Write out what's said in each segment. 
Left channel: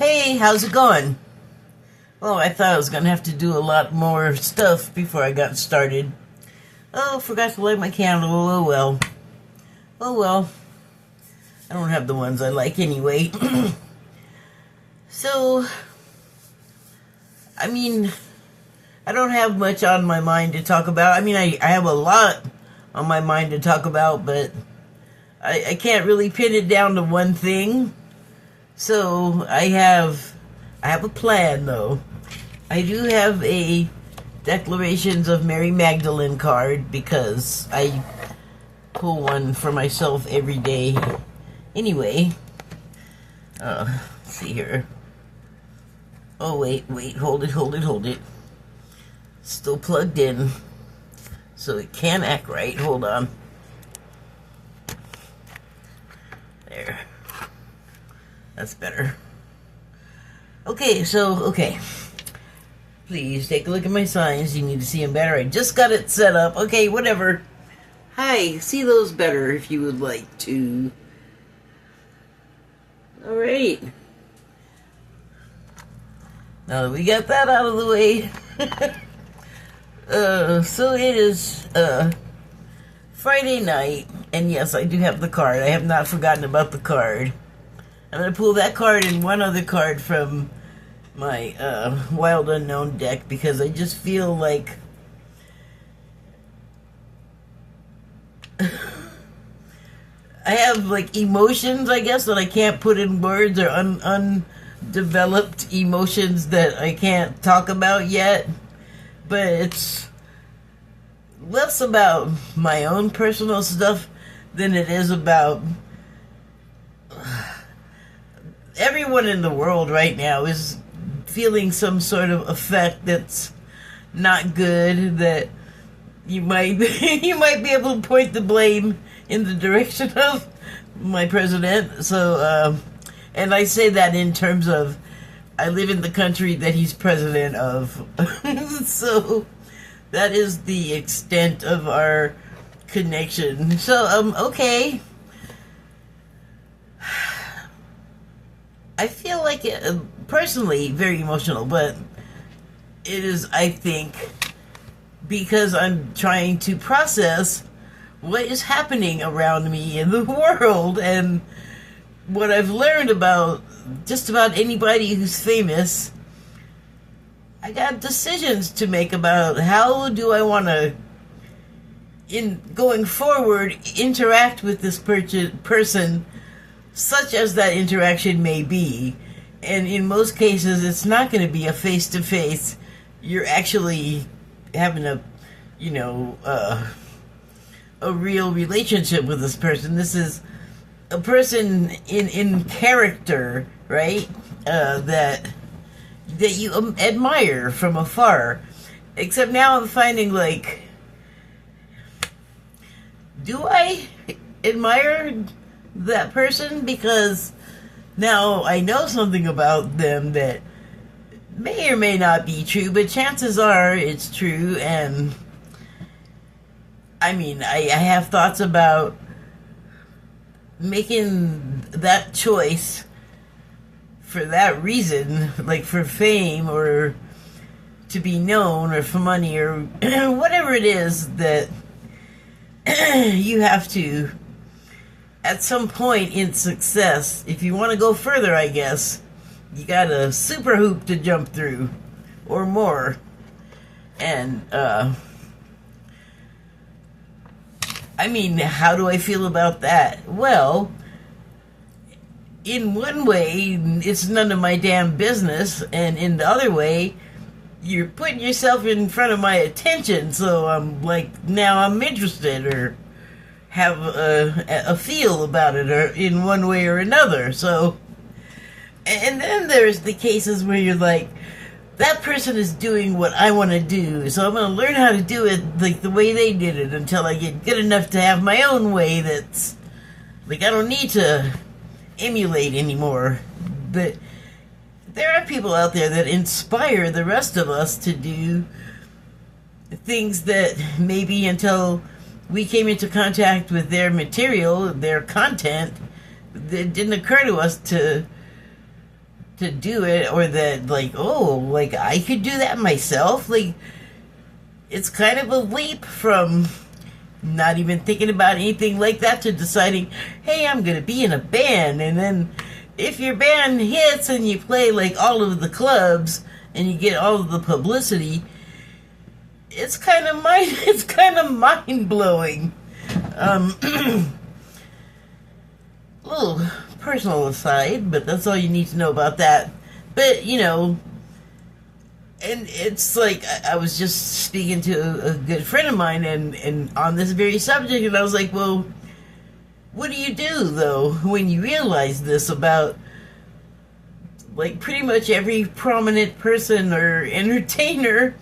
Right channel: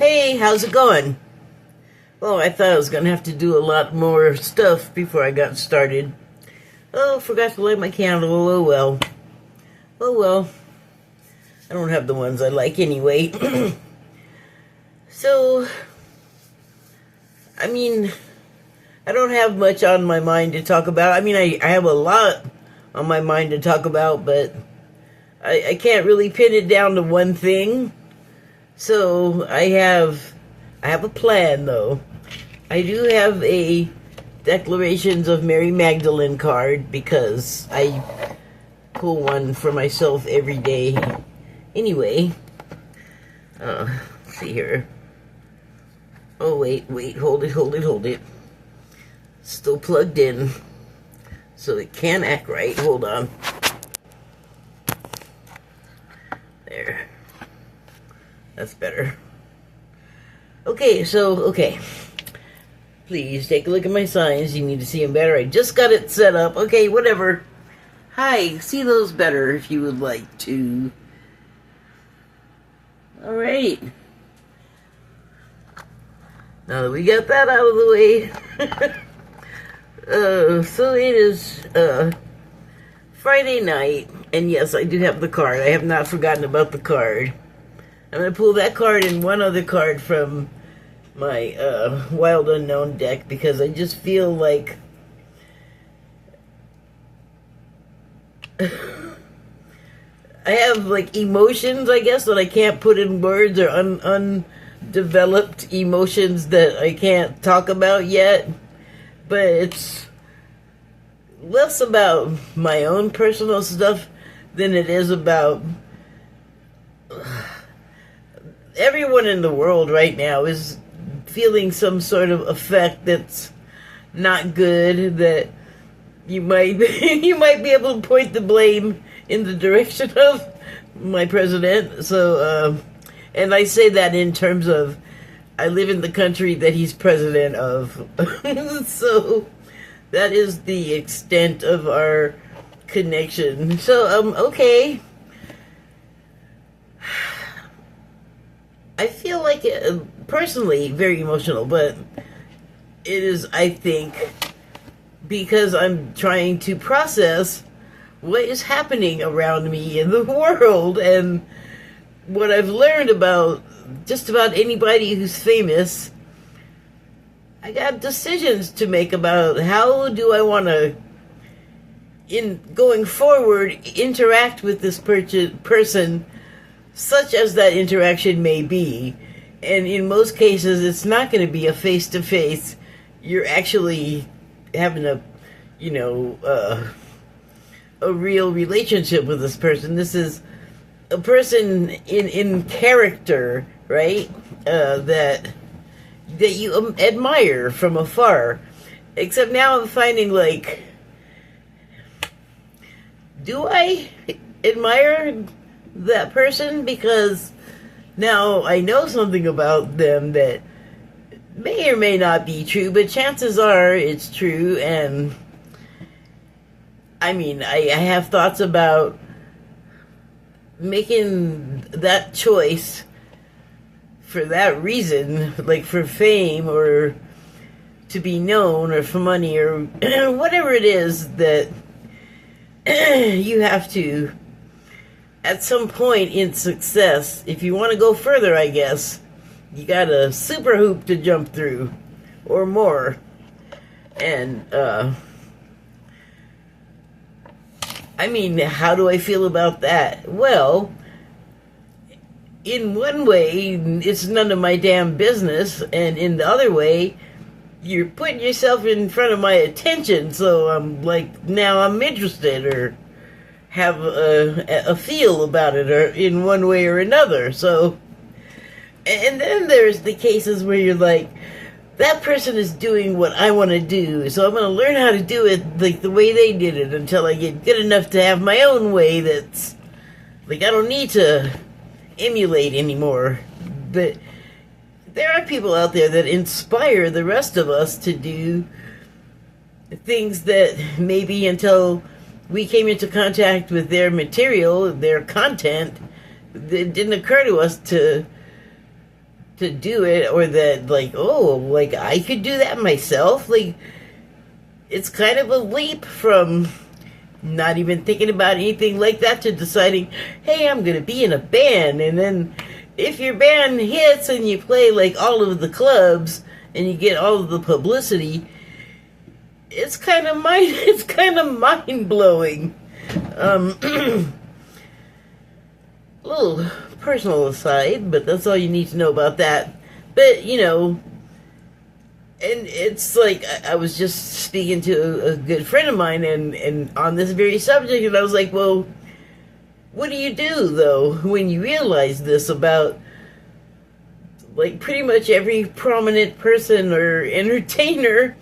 Hey, how's it going? Well, I thought I was going to have to do a lot more stuff before I got started. Oh, forgot to light my candle. Oh, well. Oh, well. I don't have the ones I like anyway. So, I mean, I don't have much on my mind to talk about. I mean, I have a lot on my mind to talk about, but I can't really pin it down to one thing. So I have a plan, though. I do have a Declarations of Mary Magdalene card because I pull one for myself every day. Anyway, let's see here. Oh, wait, hold it. Still plugged in, so it can act right. Hold on. There. That's better. Okay. Please take a look at my signs. You need to see them better. I just got it set up. Okay, whatever. Hi, see those better if you would like to. Alright. Now that we got that out of the way. So it is Friday night. And yes, I do have the card. I have not forgotten about the card. I'm going to pull that card and one other card from my Wild Unknown deck because I just feel like I have like emotions, I guess, that I can't put in words, or undeveloped emotions that I can't talk about yet. But it's less about my own personal stuff than it is about everyone in the world right now is feeling some sort of effect that's not good, that you might you might be able to point the blame in the direction of my president. So and I say that in terms of I live in the country that he's president of. So that is the extent of our connection. So okay. I feel like it, personally, very emotional, but it is, I think, because I'm trying to process what is happening around me in the world and what I've learned about just about anybody who's famous. I got decisions to make about how do I want to, in going forward, interact with this person, such as that interaction may be. And in most cases, it's not going to be a face-to-face. You're actually having a real relationship with this person. This is a person in character, right? That you admire from afar. Except now I'm finding, like, do I admire that person? Because now I know something about them that may or may not be true, but chances are it's true. And I mean, I have thoughts about making that choice for that reason, like for fame or to be known or for money or whatever it is that you have to, at some point in success, if you want to go further, I guess, you got a super hoop to jump through, or more. And, I mean, how do I feel about that? Well, in one way, it's none of my damn business, and in the other way, you're putting yourself in front of my attention, so I'm like, now I'm interested, or have a feel about it, or in one way or another. So, and then there's the cases where you're like, that person is doing what I want to do, so I'm going to learn how to do it like the way they did it until I get good enough to have my own way that's, like, I don't need to emulate anymore. But there are people out there that inspire the rest of us to do things that maybe until we came into contact with their material, their content, it didn't occur to us to to do it, or that, like, oh, like, I could do that myself. Like, it's kind of a leap from not even thinking about anything like that to deciding, hey, I'm going to be in a band. And then if your band hits and you play, like, all of the clubs and you get all of the publicity, it's kind of mind-blowing. Little personal aside, but that's all you need to know about that. But, you know, and it's like, I was just speaking to a good friend of mine, and on this very subject, and I was like, well, what do you do, though, when you realize this about, like, pretty much every prominent person or entertainer?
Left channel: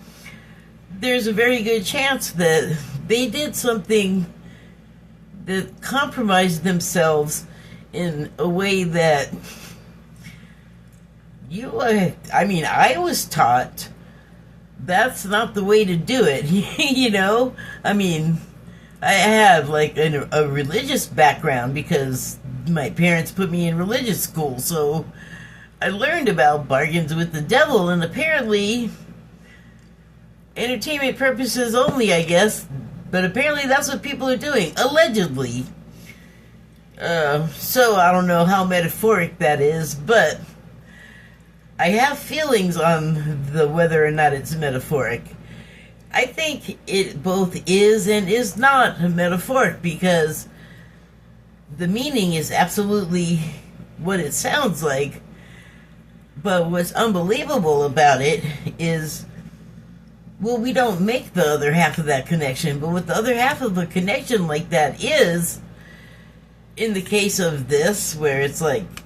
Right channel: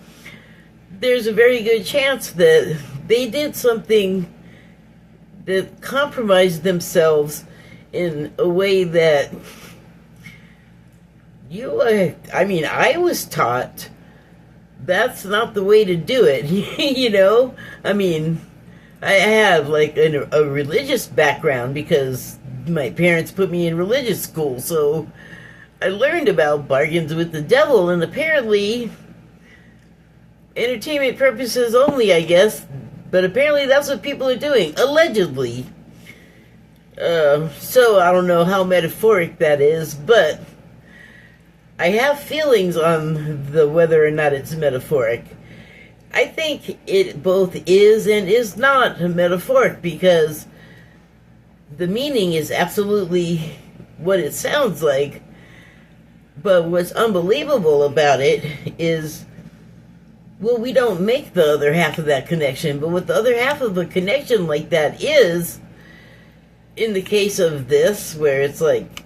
There's a very good chance that they did something that compromised themselves in a way that I was taught that's not the way to do it. You know, I mean, I have like a religious background because my parents put me in religious school, so I learned about bargains with the devil, and apparently entertainment purposes only, I guess, but apparently that's what people are doing, allegedly. So I don't know how metaphoric that is, but I have feelings on the whether or not it's metaphoric. I think it both is and is not metaphoric, because the meaning is absolutely what it sounds like, but what's unbelievable about it is, well, we don't make the other half of that connection, but what the other half of a connection like that is, in the case of this, where it's like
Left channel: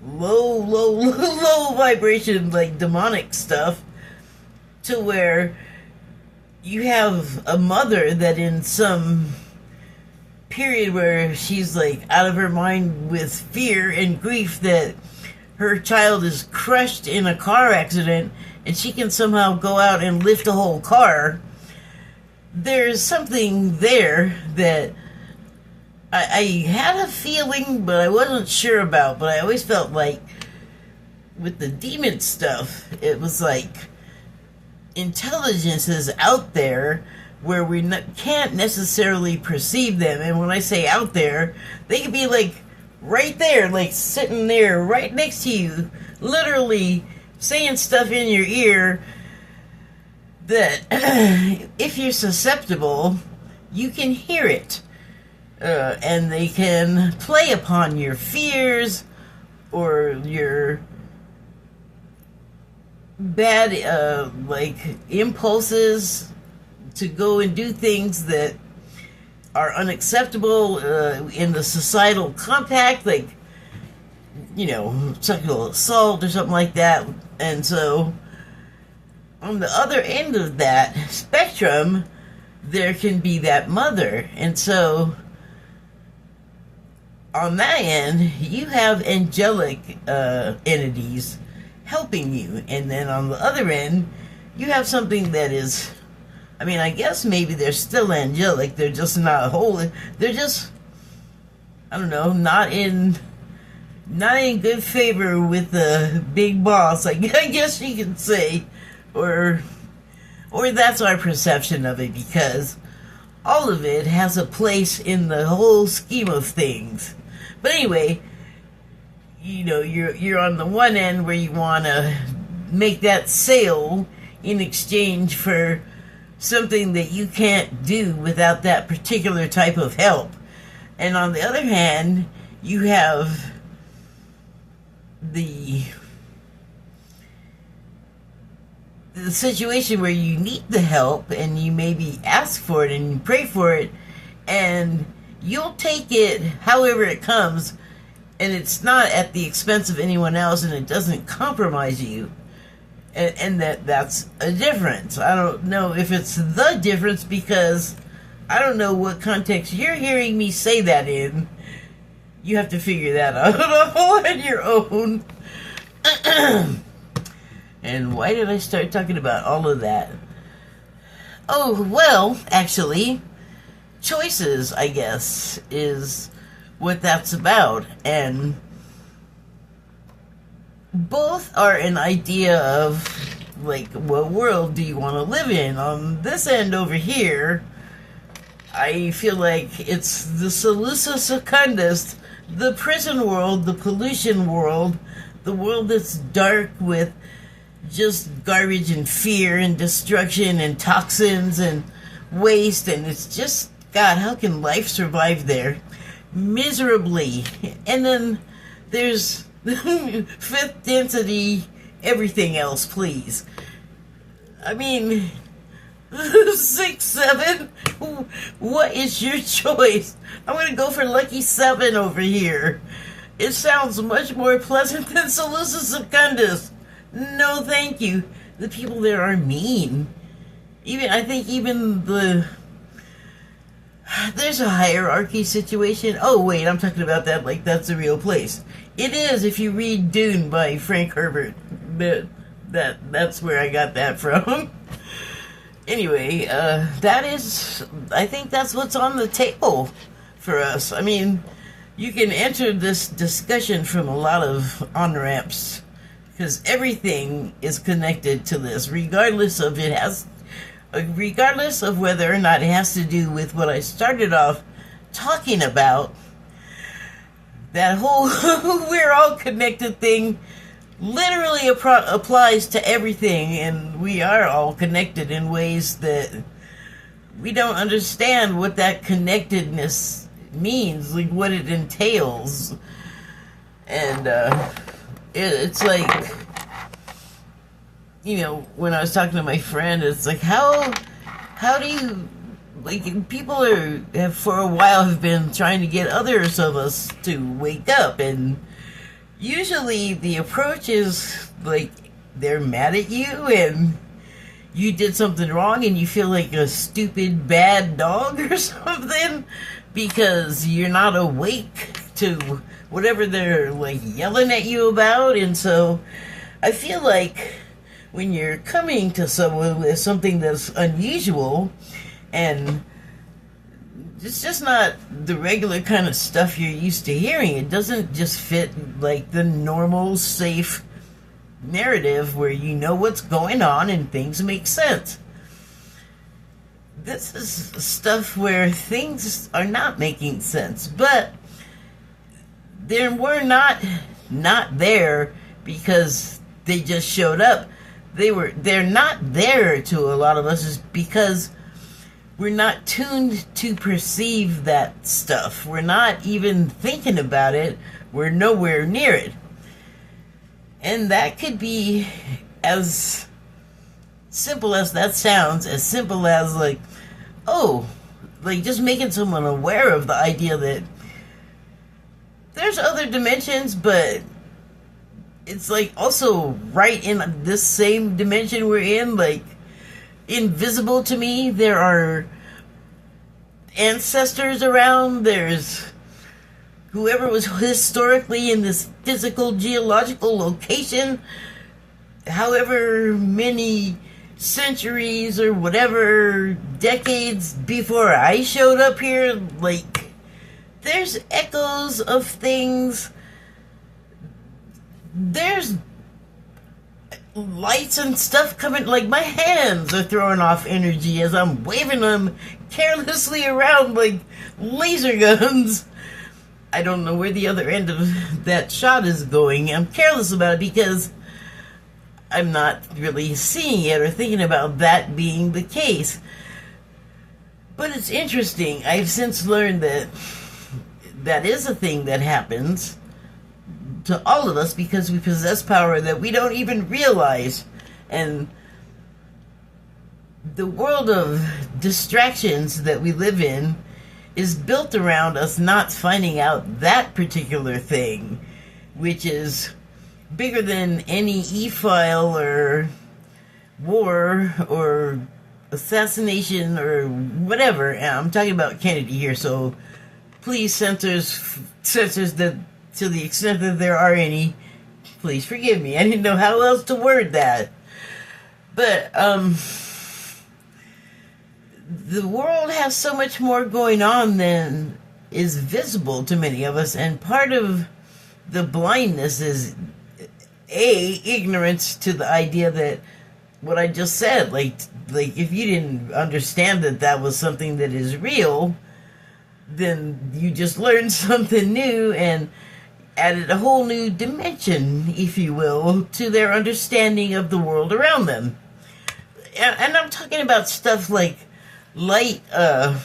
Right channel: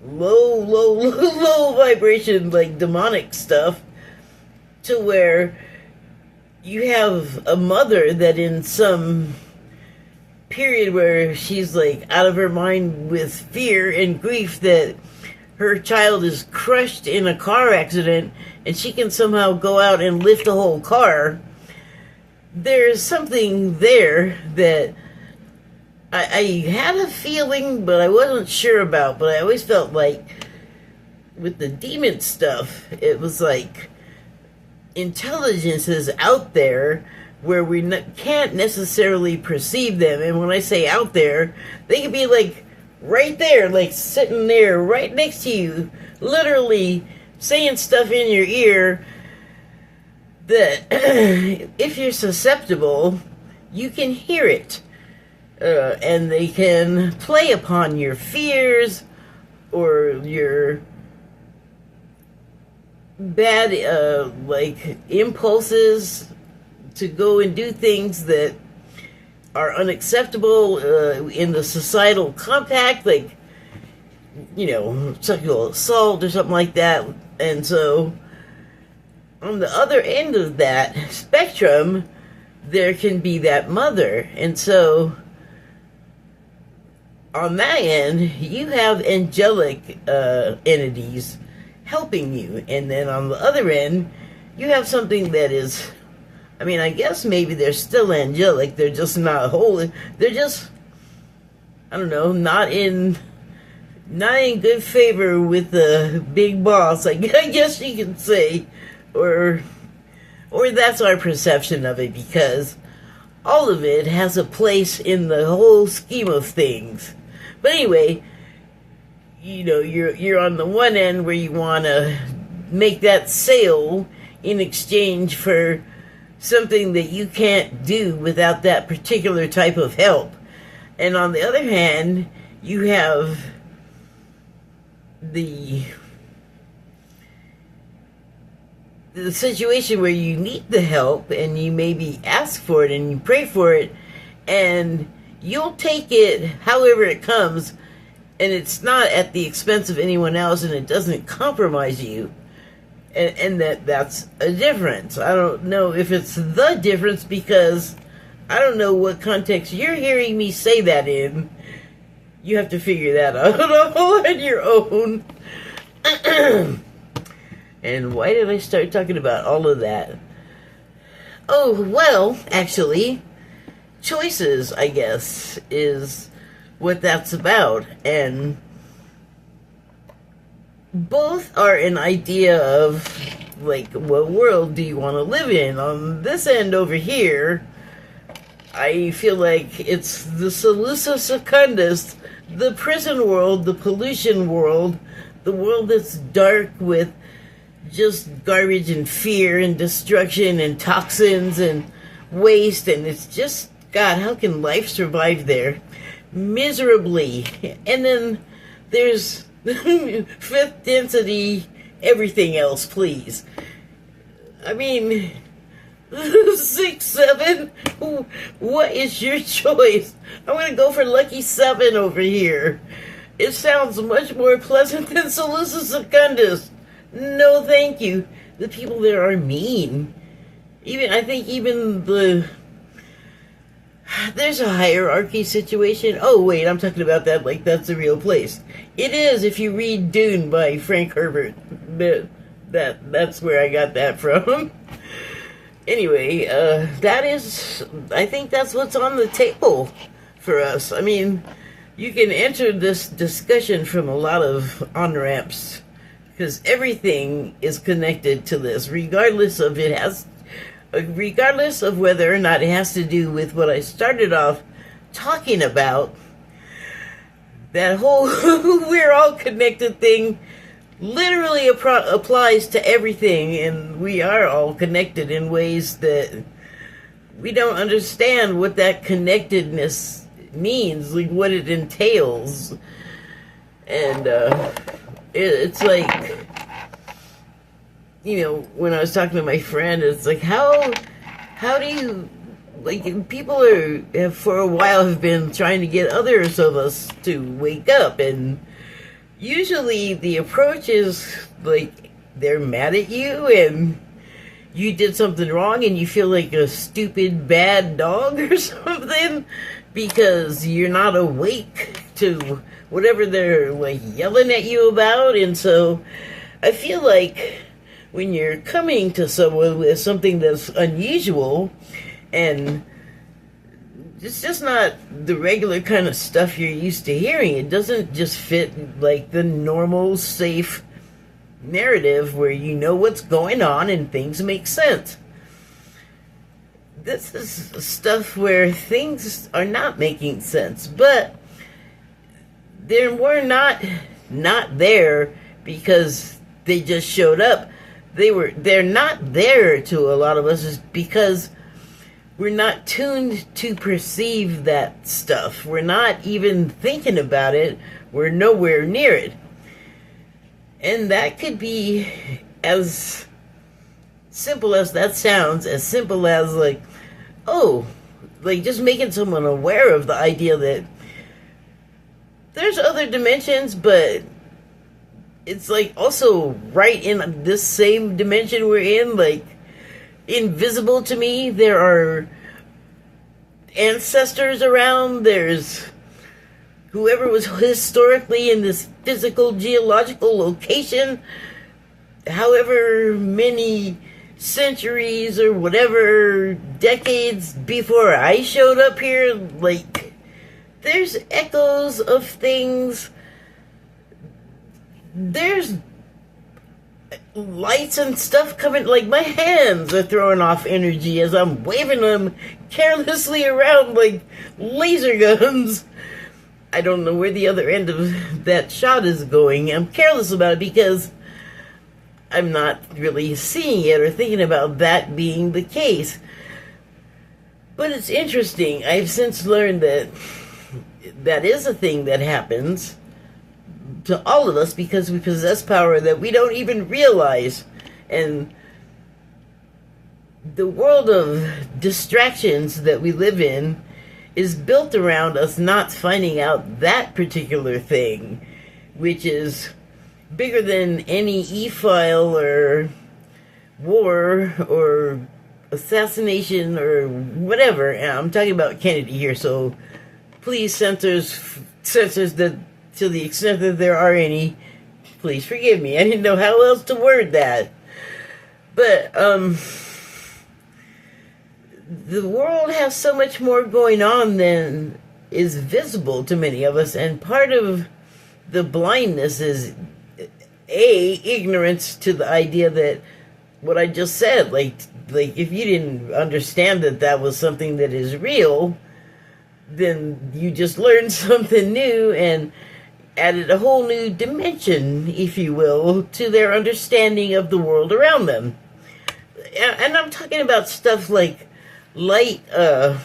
low vibration, like demonic stuff, to where you have a mother that in some period where she's like out of her mind with fear and grief that her child is crushed in a car accident and she can somehow go out and lift the whole car. There's something there that I had a feeling, but I wasn't sure about. But I always felt like with the demon stuff, it was like intelligence is out there where we can't necessarily perceive them. And when I say out there, they could be like right there, like sitting there right next to you, literally saying stuff in your ear that if you're susceptible, you can hear it. And they can play upon your fears or your bad like impulses to go and do things that are unacceptable in the societal compact, like, you know, sexual assault or something like that. And so on the other end of that spectrum, there can be that mother. And so on that end, you have angelic entities helping you. And then on the other end, you have something that is, I mean, I guess maybe they're still angelic. They're just not holy. They're just, I don't know, not in good favor with the big boss, I guess you can say. Or that's our perception of it, because all of it has a place in the whole scheme of things. But anyway, you know, you're on the one end where you want to make that sale in exchange for something that you can't do without that particular type of help. And on the other hand, you have the situation where you need the help and you maybe ask for it and you pray for it and you'll take it however it comes, and it's not at the expense of anyone else and it doesn't compromise you. And that's a difference. I don't know if it's the difference, because I don't know what context you're hearing me say that in. You have to figure that out on your own. And why did I start talking about all of that? Oh, well, actually, choices, I guess, is what that's about. And both are an idea of, like, what world do you want to live in? On this end over here, I feel like it's the Salusa Secundus, the prison world, the pollution world, the world that's dark with just garbage and fear and destruction and toxins and waste, and it's just, God, how can life survive there? Miserably. And then there's fifth density, everything else, please. I mean, 6, 7? What is your choice? I'm gonna go for Lucky 7 over here. It sounds much more pleasant than Salusa Secundus. No, thank you. The people there are mean. I think there's a hierarchy situation. Oh, wait, I'm talking about that like that's a real place. It is if you read Dune by Frank Herbert. That's where I got that from. Anyway, I think that's what's on the table for us. I mean, you can enter this discussion from a lot of on-ramps, because everything is connected to this, regardless of whether or not it has to do with what I started off talking about. That whole we're all connected thing literally applies to everything, and we are all connected in ways that we don't understand what that connectedness means, like what it entails. And it's like, when I was talking to my friend, it's like, how do you, like, people have for a while have been trying to get others of us to wake up, and usually the approach is like they're mad at you and you did something wrong and you feel like a stupid bad dog or something because you're not awake to whatever they're like yelling at you about. And so I feel like when you're coming to someone with something that's unusual and it's just not the regular kind of stuff you're used to hearing, it doesn't just fit like the normal, safe narrative where you know what's going on and things make sense. This is stuff where things are not making sense, but they were not there because they just showed up. They're not there to a lot of us is because we're not tuned to perceive that stuff. We're not even thinking about it. We're nowhere near it. And that could be as simple as that sounds, as simple as like, just making someone aware of the idea that there's other dimensions, but it's like also right in this same dimension we're in, like invisible to me. There are ancestors around. There's whoever was historically in this physical geological location, however many centuries or whatever decades before I showed up here. Like, there's echoes of things. There's lights and stuff coming, like my hands are throwing off energy as I'm waving them carelessly around like laser guns. I don't know where the other end of that shot is going. I'm careless about it because I'm not really seeing it or thinking about that being the case. But it's interesting. I've since learned that that is a thing that happens to all of us because we possess power that we don't even realize. And the world of distractions that we live in is built around us not finding out that particular thing, which is bigger than any e-file or war or assassination or whatever. And I'm talking about Kennedy here, so please censors that, to the extent that there are any, please forgive me. I didn't know how else to word that. But the world has so much more going on than is visible to many of us, and part of the blindness is ignorance to the idea that what I just said, like if you didn't understand that that was something that is real, then you just learned something new and added a whole new dimension, if you will, to their understanding of the world around them. And I'm talking about stuff like light, God,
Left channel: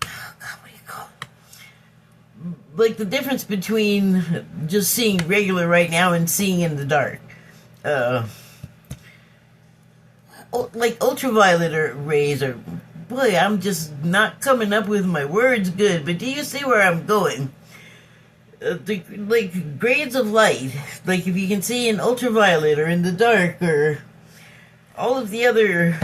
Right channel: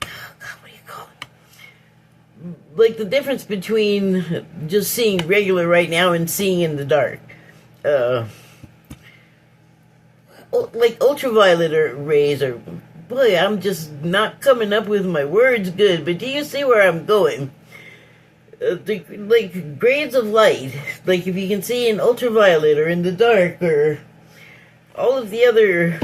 what do you call it? Like the difference between just seeing regular right now and seeing in the dark. Like ultraviolet rays, or boy, I'm just not coming up with my words good, but do you see where I'm going? Like grades of light, like if you can see in ultraviolet or in the dark, or all of the other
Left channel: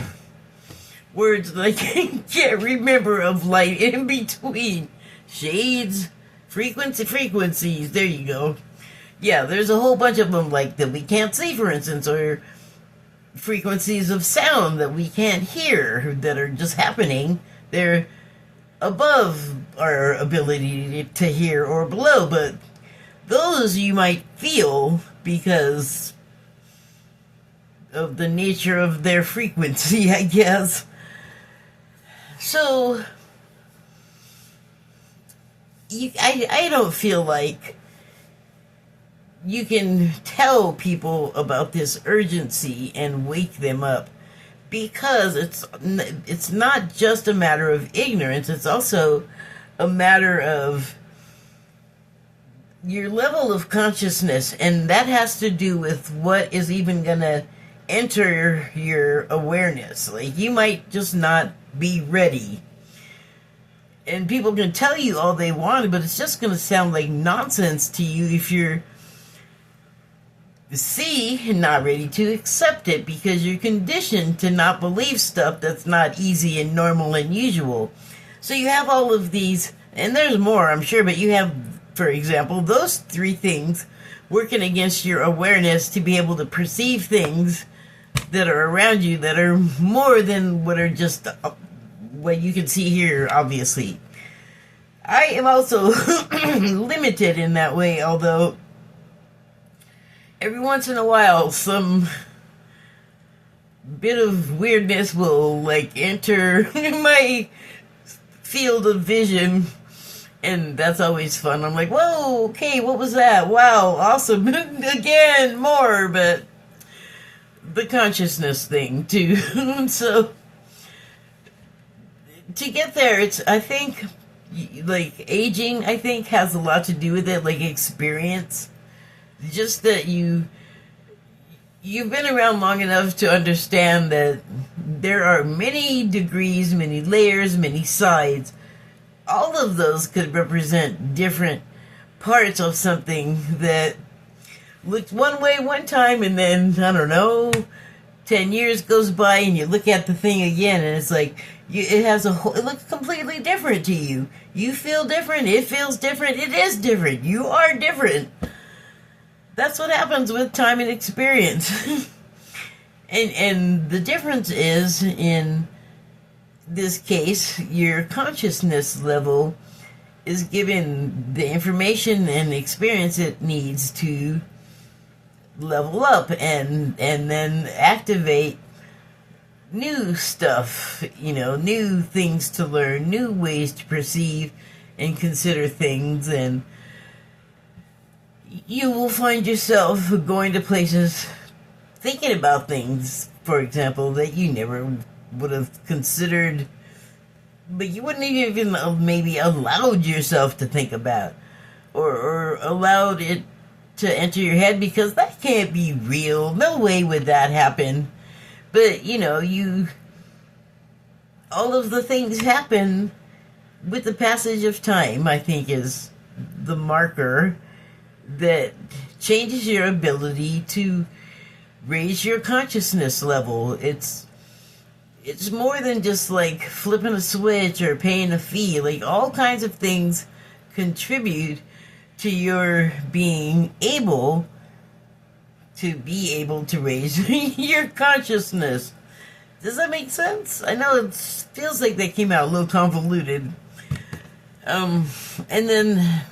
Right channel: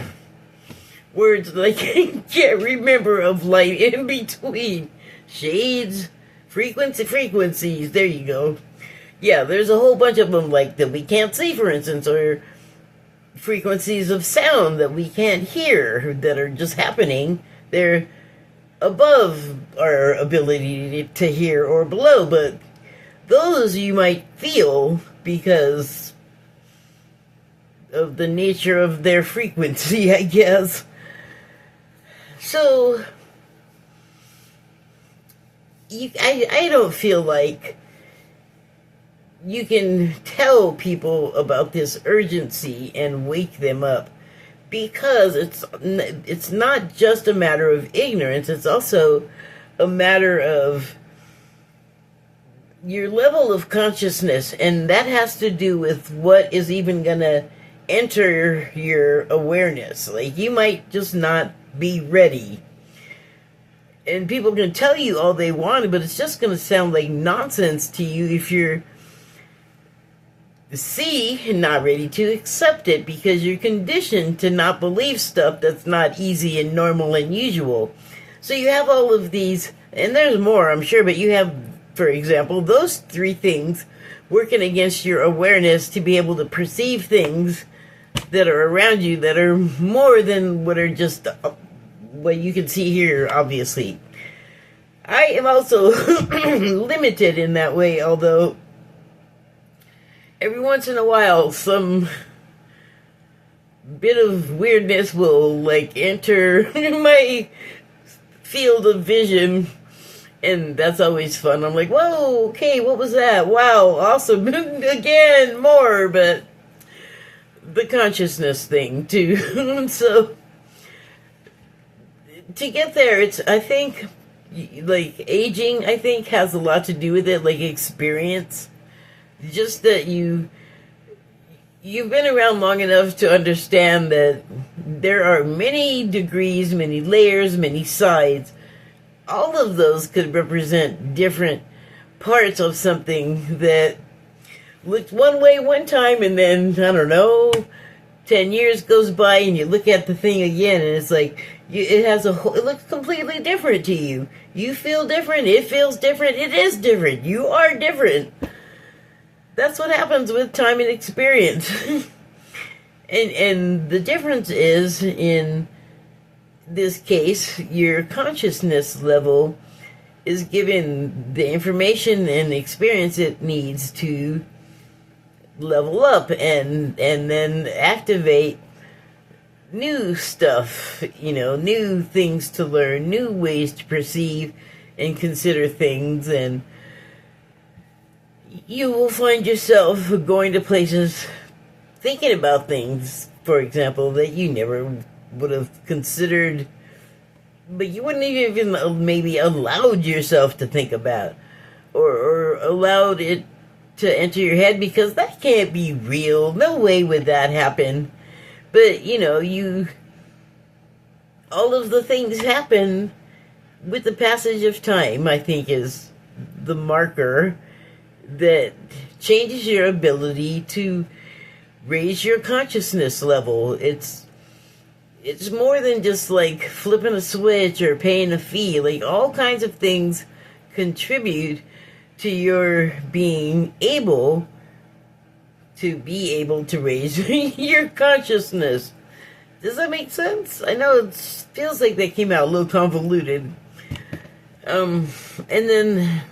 words that I can't remember of light in between. Shades, frequencies, there you go. Yeah, there's a whole bunch of them like that we can't see, for instance, or frequencies of sound that we can't hear that are just happening. They're above our ability to hear or below, but those you might feel because of the nature of their frequency, I guess. So I don't feel like you can tell people about this urgency and wake them up, because it's not just a matter of ignorance, it's also a matter of your level of consciousness, and that has to do with what is even going to enter your awareness. Like, you might just not be ready. And people can tell you all they want, but it's just going to sound like nonsense to you if you're not ready to accept it, because you're conditioned to not believe stuff that's not easy and normal and usual. So you have all of these, and there's more, I'm sure, but you have, for example, those three things working against your awareness to be able to perceive things that are around you that are more than what are just what you can see here, obviously. I am also limited in that way, although every once in a while some bit of weirdness will like enter my field of vision, and that's always fun. I'm like, whoa, okay, what was that? Wow, awesome. Again, more, but the consciousness thing too. So to get there, it's, I think, like aging, I think, has a lot to do with it, like experience. Just that you've been around long enough to understand that there are many degrees, many layers, many sides. All of those could represent different parts of something that looked one way one time, and then, I don't know, 10 years goes by and you look at the thing again and it's like, it looks completely different to you. You feel different, it feels different, it is different, you are different. That's what happens with time and experience. and the difference is, in this case, your consciousness level is given the information and experience it needs to level up and then activate new stuff, new things to learn, new ways to perceive and consider things, and you will find yourself going to places, thinking about things, for example, that you never would have considered, but you wouldn't even maybe allowed yourself to think about, or allowed it to enter your head, because that can't be real. No way would that happen. But, all of the things happen with the passage of time, I think, is the marker that changes your ability to raise your consciousness level. It's more than just like flipping a switch or paying a fee. Like, all kinds of things contribute to your being able to raise your consciousness. Does that make sense? I know it feels like that came out a little convoluted. And then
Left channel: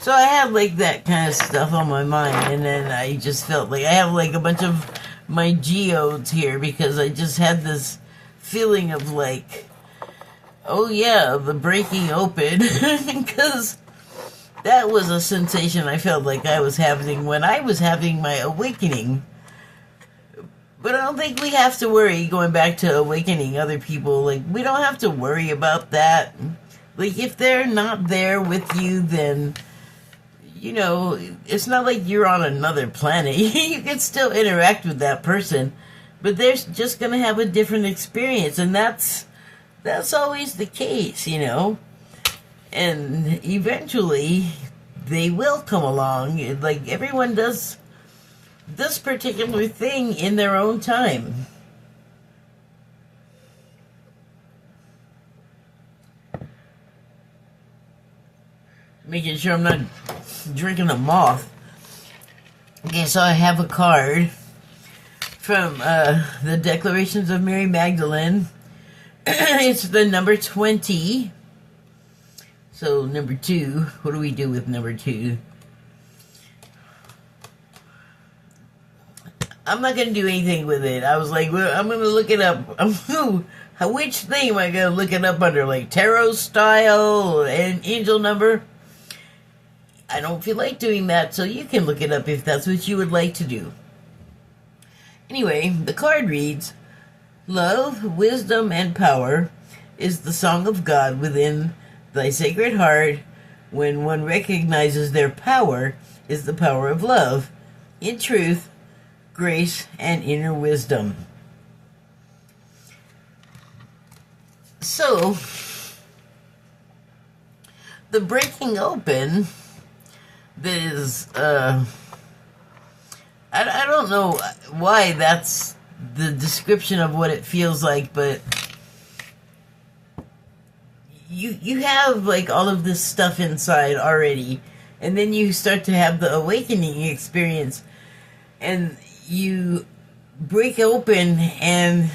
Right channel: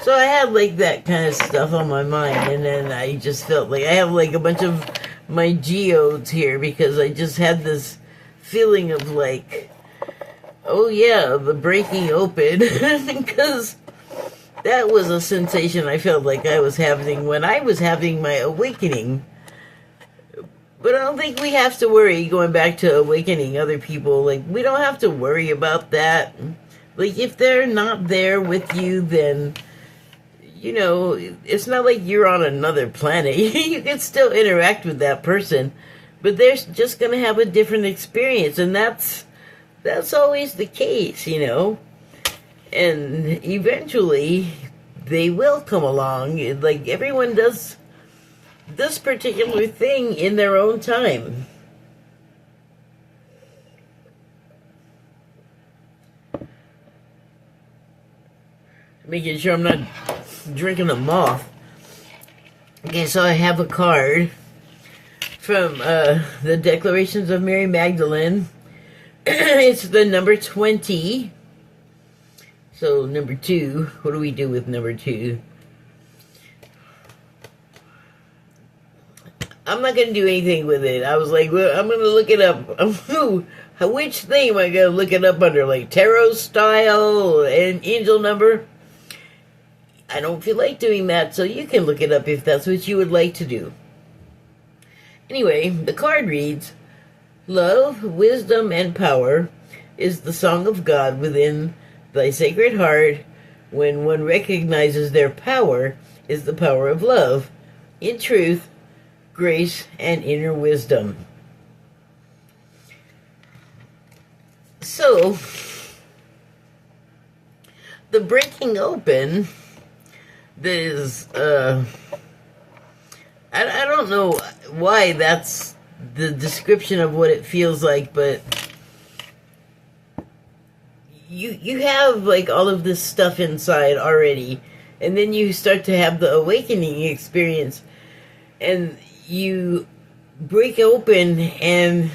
So I had like that kind of stuff on my mind, and then I just felt like I have like a bunch of my geodes here because I just had this feeling of like, oh yeah, the breaking open, because that was a sensation I felt like I was having when I was having my awakening. But I don't think we have to worry going back to awakening other people. Like, we don't have to worry about that. Like, if they're not there with you, then, you know, it's not like you're on another planet. You can still interact with that person, but they're just going to have a different experience, and that's always the case, you know. And eventually, they will come along. Like, everyone does this particular thing in their own time. Making sure I'm not drinking a moth. Okay, so I have a card from the Declarations of Mary Magdalene. It's the number 20. So, number 2. What do we do with number 2? I'm not going to do anything with it. I was like, well, I'm going to look it up. Which thing am I going to look it up under? Like tarot style and angel number? I don't feel like doing that, so you can look it up if that's what you would like to do. Anyway, the card reads, love, wisdom, and power is the song of God within thy sacred heart. When one recognizes their power is the power of love. In truth, grace, and inner wisdom. So, the breaking open, there's, I don't know why that's the description of what it feels like, but you have, like, all of this stuff inside already, and then you start to have the awakening experience, and you break open and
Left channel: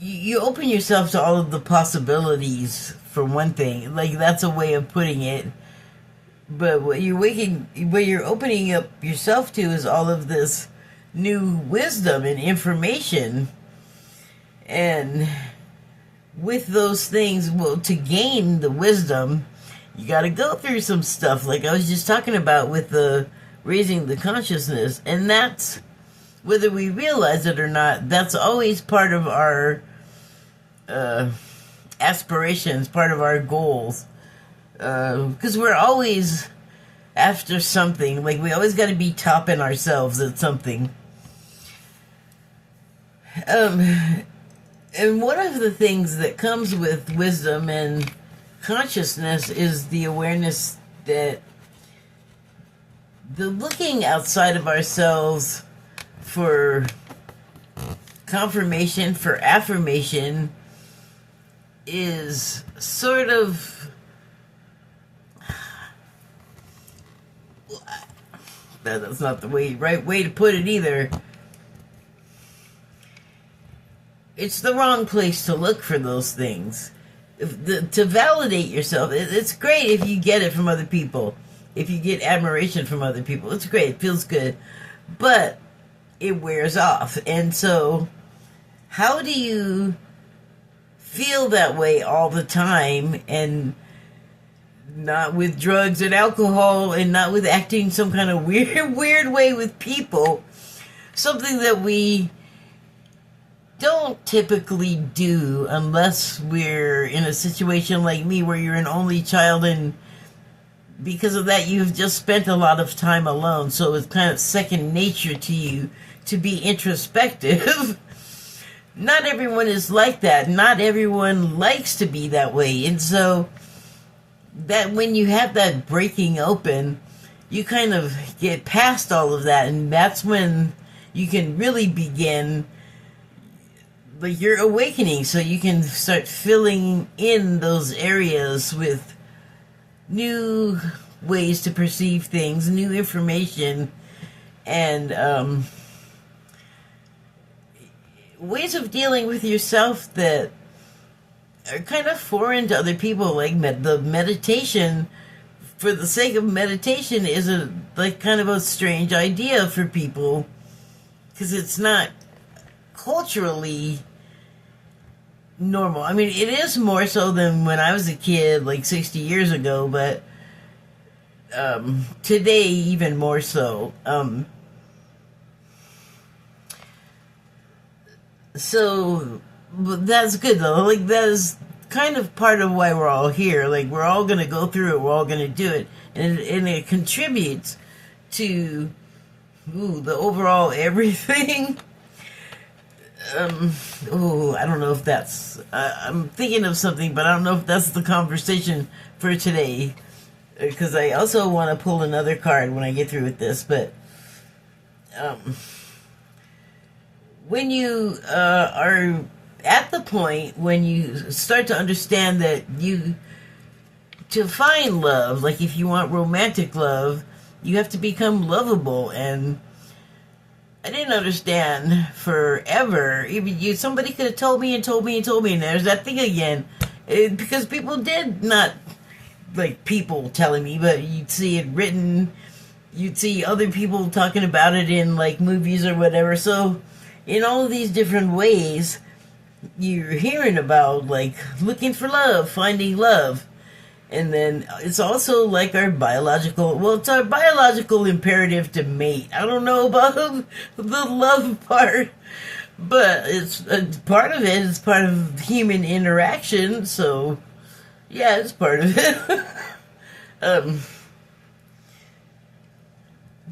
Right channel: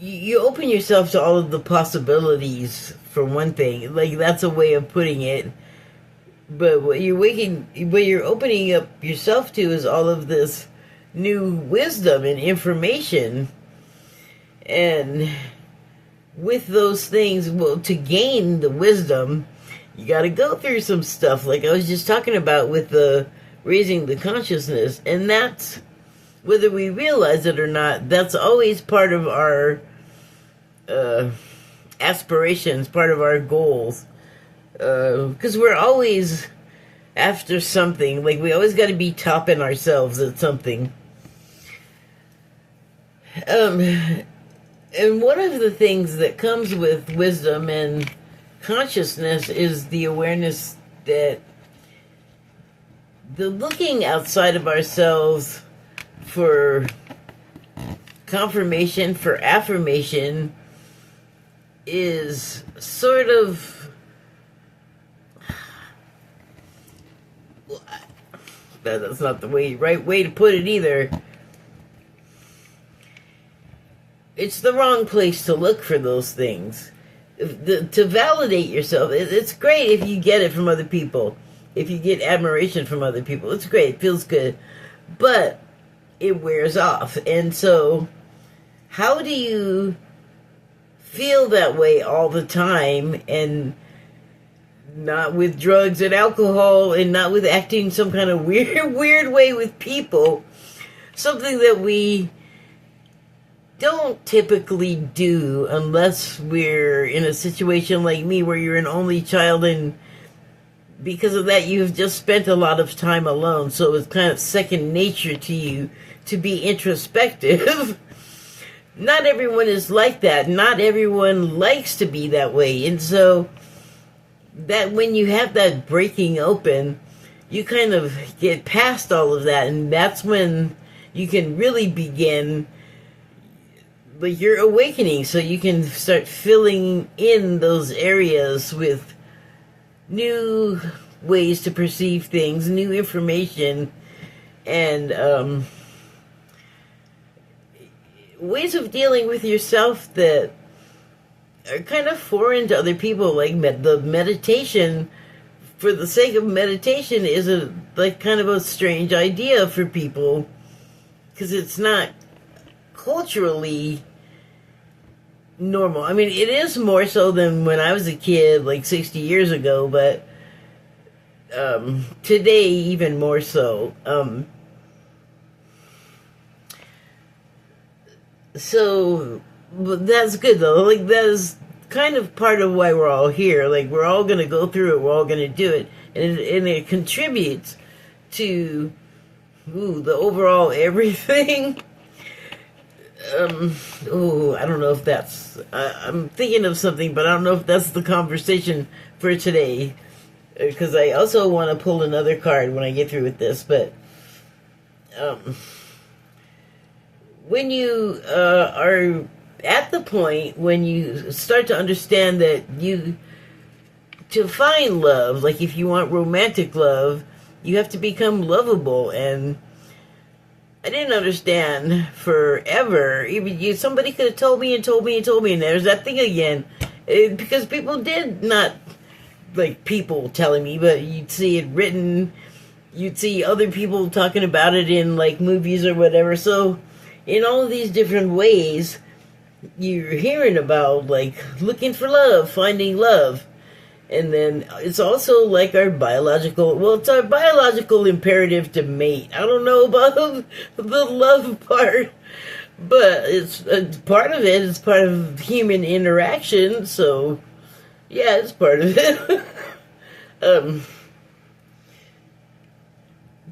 you open yourself to all of the possibilities, for one thing. Like, that's a way of putting it. But what you're opening up yourself to is all of this new wisdom and information. And with those things, well, to gain the wisdom, you got to go through some stuff. Like I was just talking about with the raising the consciousness, and that's, whether we realize it or not, that's always part of our aspirations, part of our goals, because we're always after something. Like, we always got to be topping ourselves at something. And one of the things that comes with wisdom and consciousness is the awareness that the looking outside of ourselves for confirmation, for affirmation, is sort of, that's not the right way to put it either. It's the wrong place to look for those things. To validate yourself, it's great if you get it from other people. If you get admiration from other people, it's great. It feels good. But it wears off. And so, how do you feel that way all the time, and not with drugs and alcohol, and not with acting some kind of weird way with people? Something that we don't typically do unless we're in a situation like me where you're an only child, and because of that you've just spent a lot of time alone, so it's kind of second nature to you to be introspective. Not everyone is like that. Not everyone likes to be that way. And so that when you have that breaking open, you kind of get past all of that, and that's when you can really begin your awakening, so you can start filling in those areas with new ways to perceive things, new information, and ways of dealing with yourself that are kind of foreign to other people. Like the meditation for the sake of meditation is a like kind of a strange idea for people, because it's not culturally normal. I mean, it is more so than when I was a kid, like 60 years ago, but today even more so. So that's good though. Like, that is kind of part of why we're all here. Like, we're all going to go through it. We're all going to do it, and it contributes to the overall everything. I don't know if that's... I'm thinking of something, but I don't know if that's the conversation for today. Because I also want to pull another card when I get through with this. But when you are at the point when you start to understand that to find love, like if you want romantic love, you have to become lovable. And I didn't understand forever. Even somebody could have told me, and there's that thing again. Because people did not, like, people telling me, but you'd see it written, you'd see other people talking about it in, like, movies or whatever. So, in all of these different ways, you're hearing about, like, looking for love, finding love. And then it's also like it's our biological imperative to mate. I don't know about the love part, but it's part of it. It's part of human interaction, so yeah, it's part of it.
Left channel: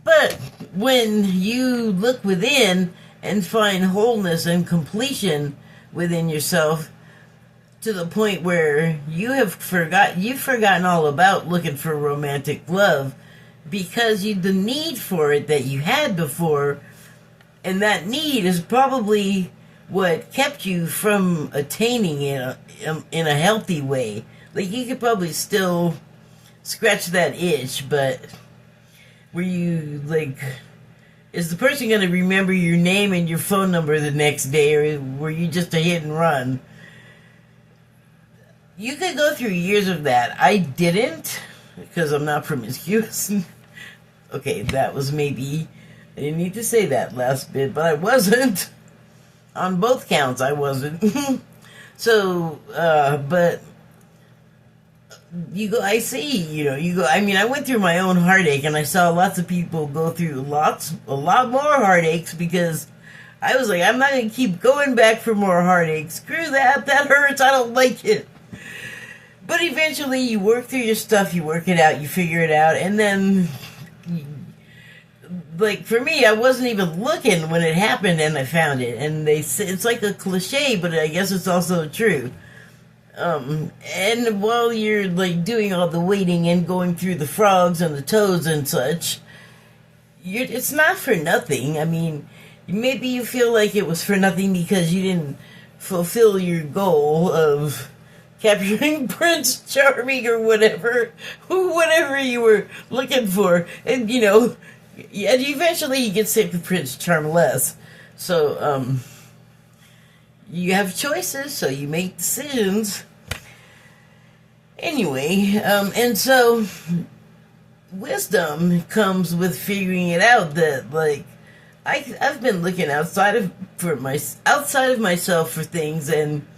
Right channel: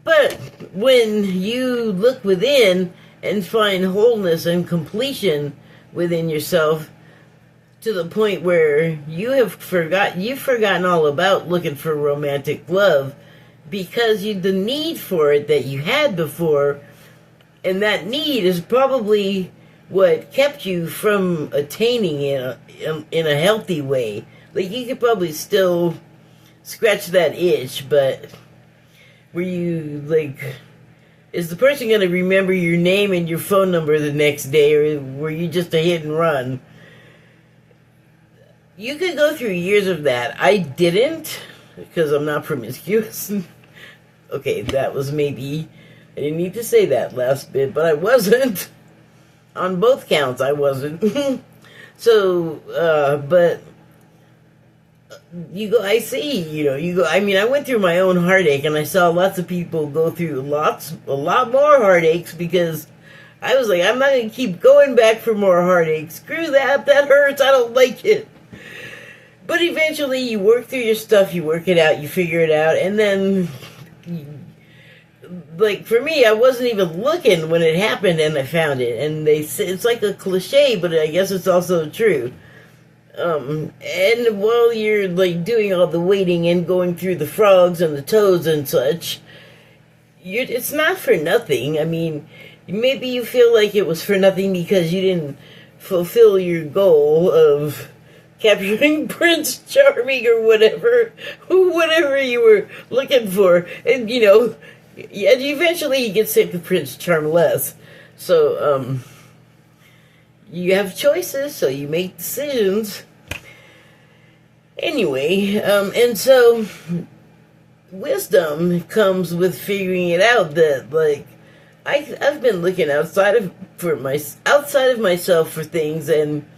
But when you look within and find wholeness and completion within yourself, to the point where you've forgotten all about looking for romantic love, because the need for it that you had before, and that need is probably what kept you from attaining it in a healthy way. Like, you could probably still scratch that itch, but were you, like, is the person going to remember your name and your phone number the next day, or were you just a hit and run? You could go through years of that. I didn't, because I'm not promiscuous. Okay, that was maybe... I didn't need to say that last bit, but I wasn't. On both counts, I wasn't. So, but... I went through my own heartache, and I saw lots of people go through a lot more heartaches, because I was like, I'm not going to keep going back for more heartaches. Screw that hurts, I don't like it. But eventually you work through your stuff, you work it out, you figure it out, and then, like, for me, I wasn't even looking when it happened, and I found it. And they say, it's like a cliche, but I guess it's also true. And while you're, like, doing all the waiting and going through the frogs and the toads and such, it's not for nothing. I mean, maybe you feel like it was for nothing because you didn't fulfill your goal of capturing Prince Charming or whatever you were looking for. And, eventually you get sick of Prince Charmless. So, you have choices, so you make decisions. Anyway, and so wisdom comes with figuring it out that, like, I've been looking outside of myself for things, and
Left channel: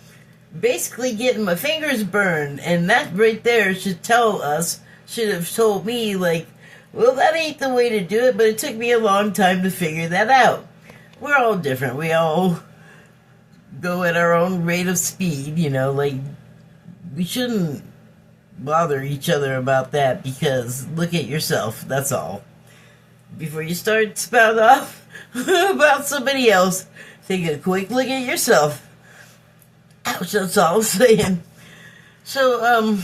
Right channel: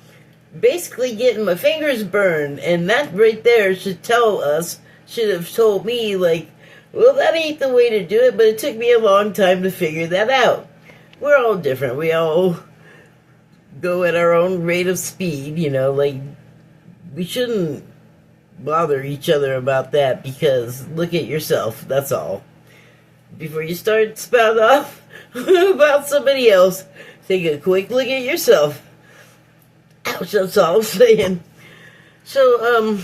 basically getting my fingers burned, and that right there should have told me, like, well, that ain't the way to do it, but it took me a long time to figure that out. We're all different. We all go at our own rate of speed, like, we shouldn't bother each other about that, because look at yourself, that's all. Before you start spouting off about somebody else, take a quick look at yourself. Ouch, that's all I'm saying. So,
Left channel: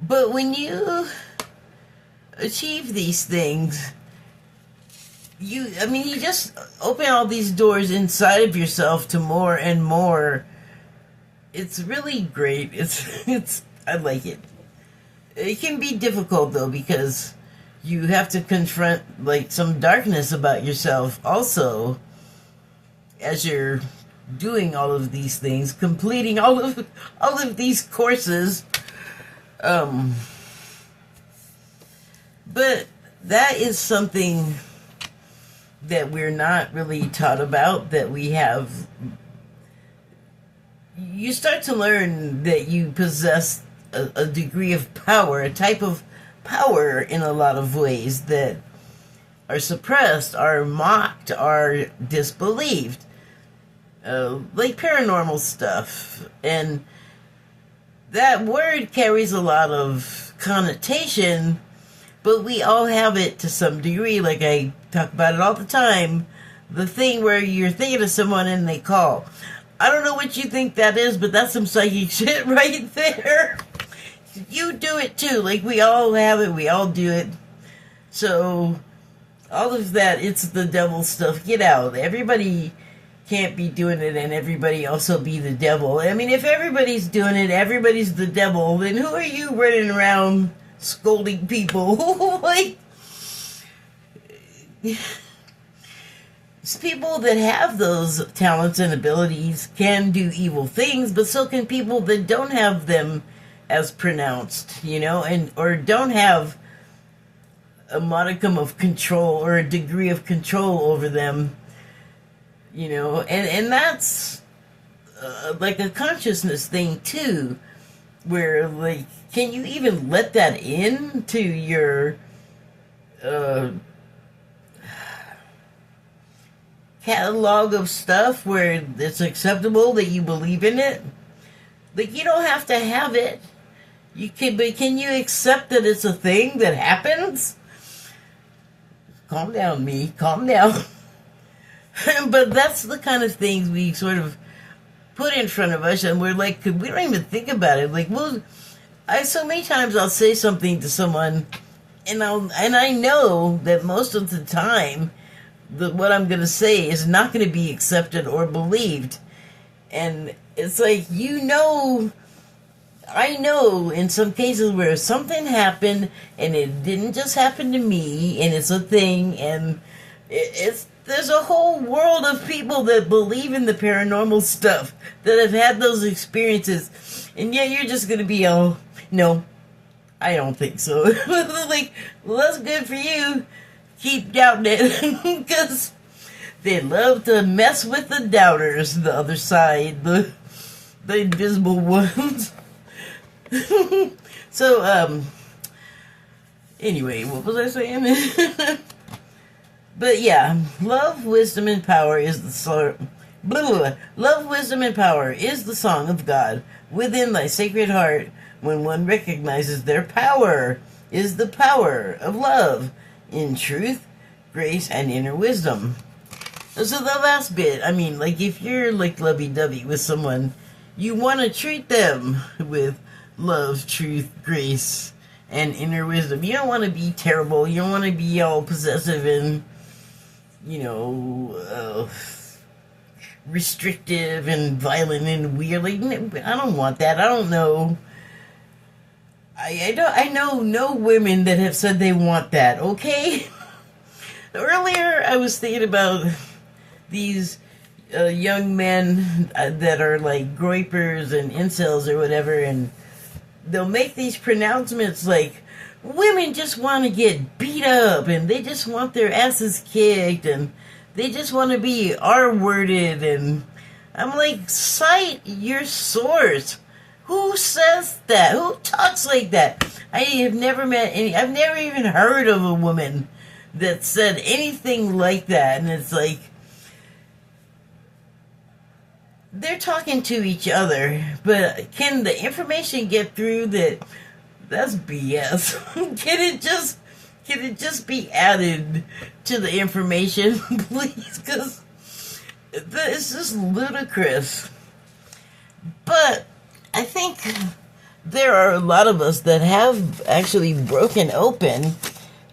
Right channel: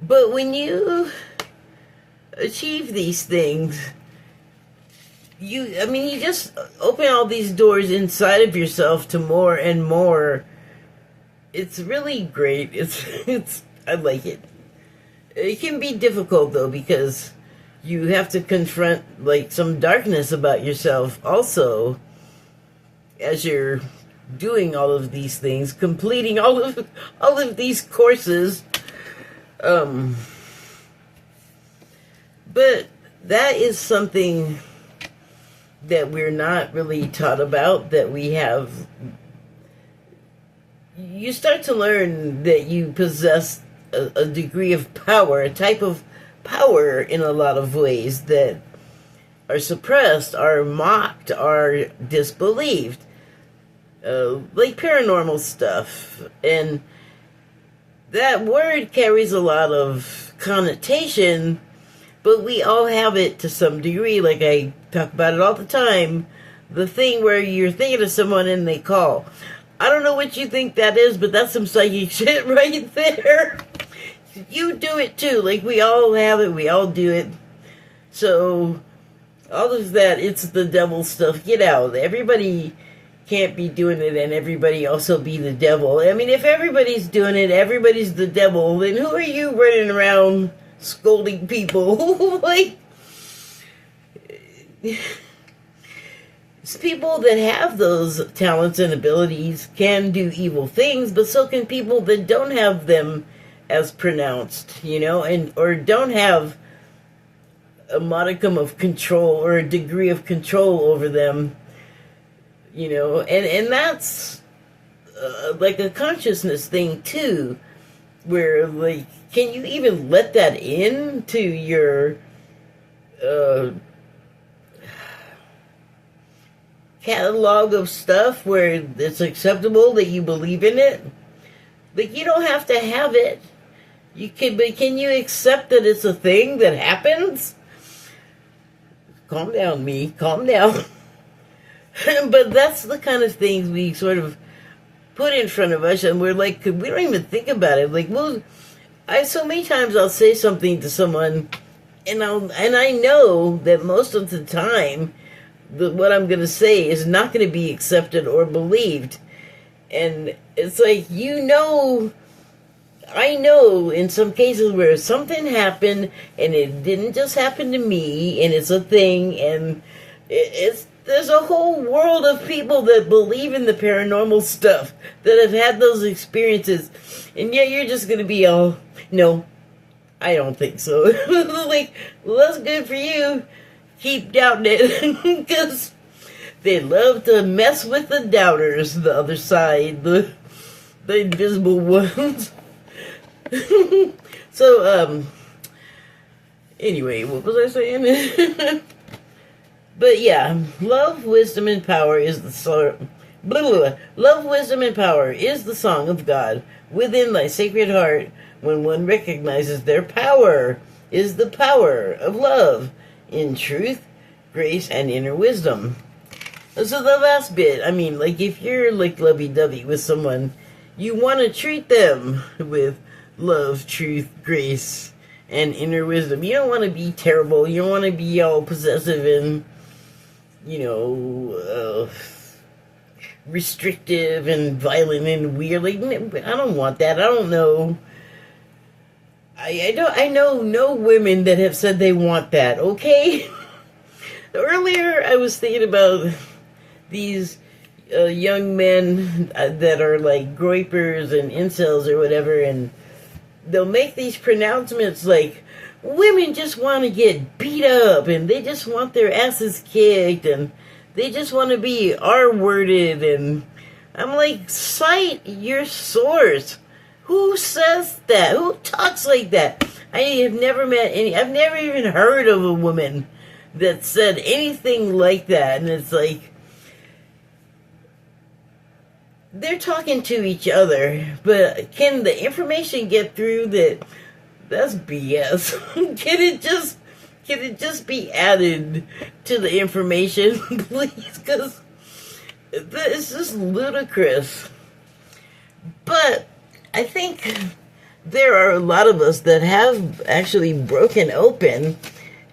but when you achieve these things, you just open all these doors inside of yourself to more and more. It's really great. I like it. It can be difficult, though, because you have to confront, like, some darkness about yourself also as you're doing all of these things, completing all of these courses. Um, but that is something that we're not really taught about, that we have. You start to learn that you possess a degree of power, a type of power in a lot of ways that are suppressed, are mocked, are disbelieved. Like paranormal stuff. And that word carries a lot of connotation, but we all have it to some degree. Like I talk about it all the time. The thing where you're thinking of someone and they call. I don't know what you think that is, but that's some psychic shit right there. You do it too. Like we all have it. We all do it. So all of that, it's the devil stuff. Get out. Everybody can't be doing it and everybody also be the devil. I mean, if everybody's doing it, everybody's the devil, then who are you running around scolding people? Like, people that have those talents and abilities can do evil things, but so can people that don't have them as pronounced, you know, and or don't have a modicum of control or a degree of control over them, you know, and that's like a consciousness thing too, where like, can you even let that into your catalog of stuff where it's acceptable that you believe in it? Like, you don't have to have it. You can, but can you accept that it's a thing that happens? Calm down, me. Calm down. But that's the kind of things we sort of put in front of us, and we're like, we don't even think about it. Like, well, so many times I'll say something to someone, and I know that most of the time, what I'm going to say is not going to be accepted or believed. And it's like, you know, I know in some cases where something happened and it didn't just happen to me, and it's a thing, and there's a whole world of people that believe in the paranormal stuff, that have had those experiences, and yet you're just going to be all, no, I don't think so. Like, well, that's good for you. Keep doubting it, because they love to mess with the doubters, the other side, the invisible ones. So, anyway, what was I saying? But yeah, love, wisdom, and power is the song. Love, wisdom, and power is the song of God within thy sacred heart. When one recognizes their power, is the power of love in truth, grace, and inner wisdom. So the last bit, I mean, like, if you're like lovey-dovey with someone, you want to treat them with love, truth, grace, and inner wisdom. You don't want to be terrible. You don't want to be all possessive and, you know, restrictive and violent and weird. Like, I don't want that. I don't know. I know no women that have said they want that, okay? Earlier, I was thinking about these young men that are like groypers and incels or whatever, and they'll make these pronouncements like, women just want to get beat up, and they just want their asses kicked, and they just want to be R-worded, and I'm like, cite your source. Who says that? Who talks like that? I have never met any, I've never even heard of a woman that said anything like that, and it's like, they're talking to each other, but can the information get through that that's BS? Can it just be added to the information, please? Because it's just ludicrous. But I think there are a lot of us that have actually broken open,